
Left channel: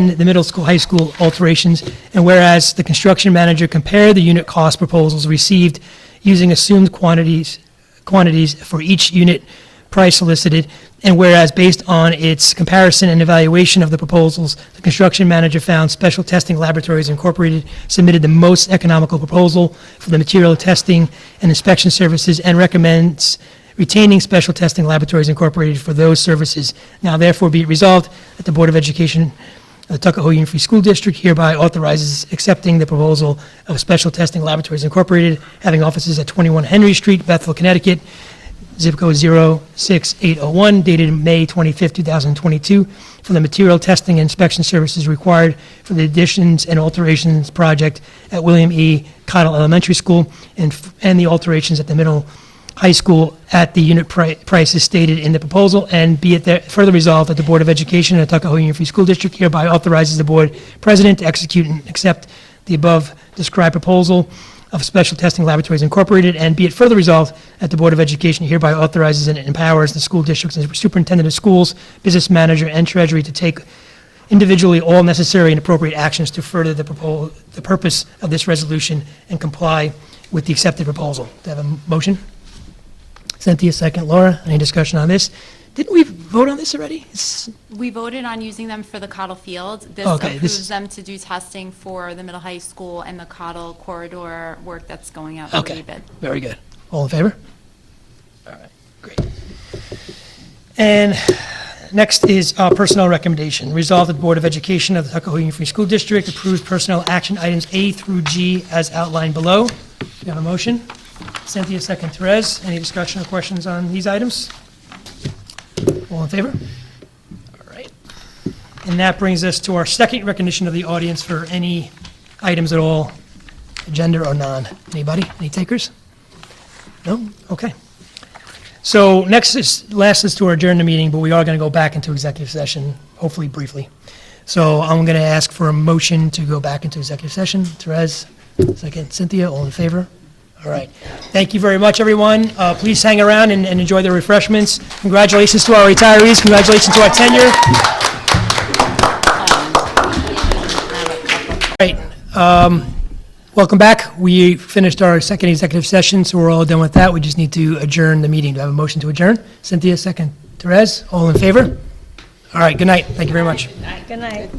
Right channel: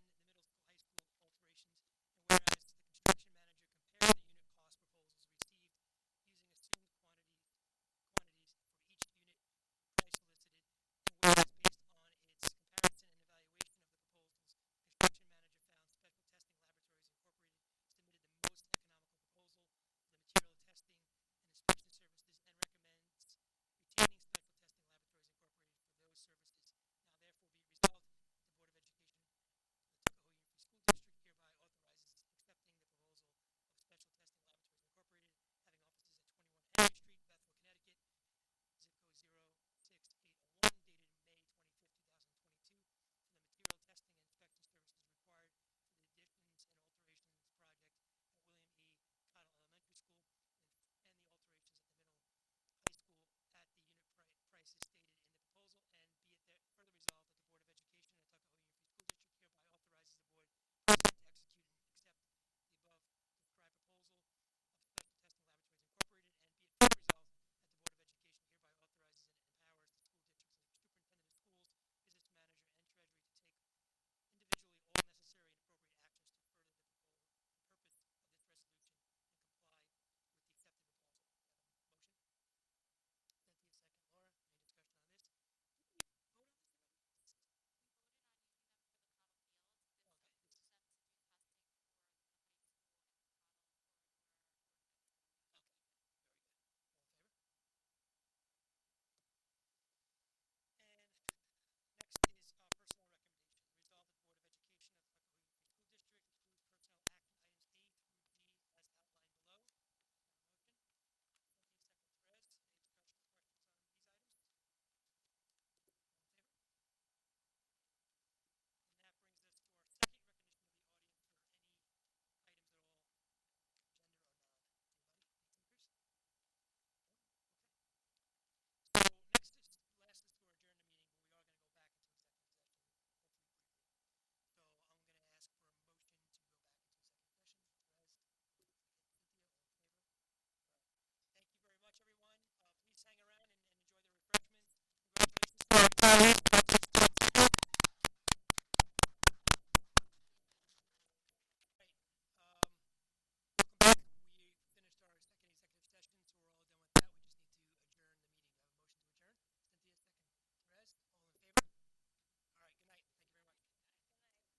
the middle school, high school alterations, and whereas the construction manager compared the unit cost proposals received using assumed quantities for each unit price solicited, and whereas based on its comparison and evaluation of the proposals, the construction manager found Special Testing Laboratories Incorporated submitted the most economical proposal for the material testing and inspection services and recommends retaining Special Testing Laboratories Incorporated for those services. Now therefore be it resolved that the Board of Education the Tuckahoe Union Free School District hereby authorizes accepting the proposal of Special Testing Laboratories Incorporated, having offices at 21 Henry Street, Bethel, Connecticut, zip code 06801, dated May 25, 2022, for the material testing and inspection services required for the additions and alterations project at William E. Cottle Elementary School and the alterations at the middle high school at the unit prices stated in the proposal, and be it further resolved that the Board of Education of the Tuckahoe Union Free School District hereby authorizes the board president to execute and accept the above described proposal of Special Testing Laboratories Incorporated, and be it further resolved that the Board of Education hereby authorizes and empowers the school districts and superintendent of schools, business manager, and treasury to take individually all necessary and appropriate actions to further the purpose of this resolution and comply with the accepted proposal. Do I have a motion? Cynthia, second. Laura, any discussion on this? Didn't we vote on this already? We voted on using them for the Cottle Field. This Okay, this approves is- them to do testing for the middle high school and the Cottle corridor work that's going out Okay, for rebid. very good. All in favor? All right, great. And next is personnel recommendation. Resolved that the Board of Education of the Tuckahoe Union Free School District approves personnel action items A through G as outlined below. Do you have a motion? Cynthia, second. Therese, any discussion or questions on these items? All in favor? All right. And that brings us to our second recognition of the audience for any items at all, agenda or non. Anybody? Any takers? No? Okay. So last is to adjourn the meeting, but we are going to go back into executive session, hopefully briefly. So I'm going to ask for a motion to go back into executive session. Therese, second. Cynthia, all in favor? All right. Thank you very much, everyone. Please hang around and enjoy the refreshments. Congratulations to our retirees. Congratulations to our tenure. All right. Welcome back. We finished our second executive session, so we're all done with that. We just need to adjourn the meeting. Do I have a motion to adjourn? Cynthia, second. Therese, all in favor? All right. Good night. Thank you very much. Good night.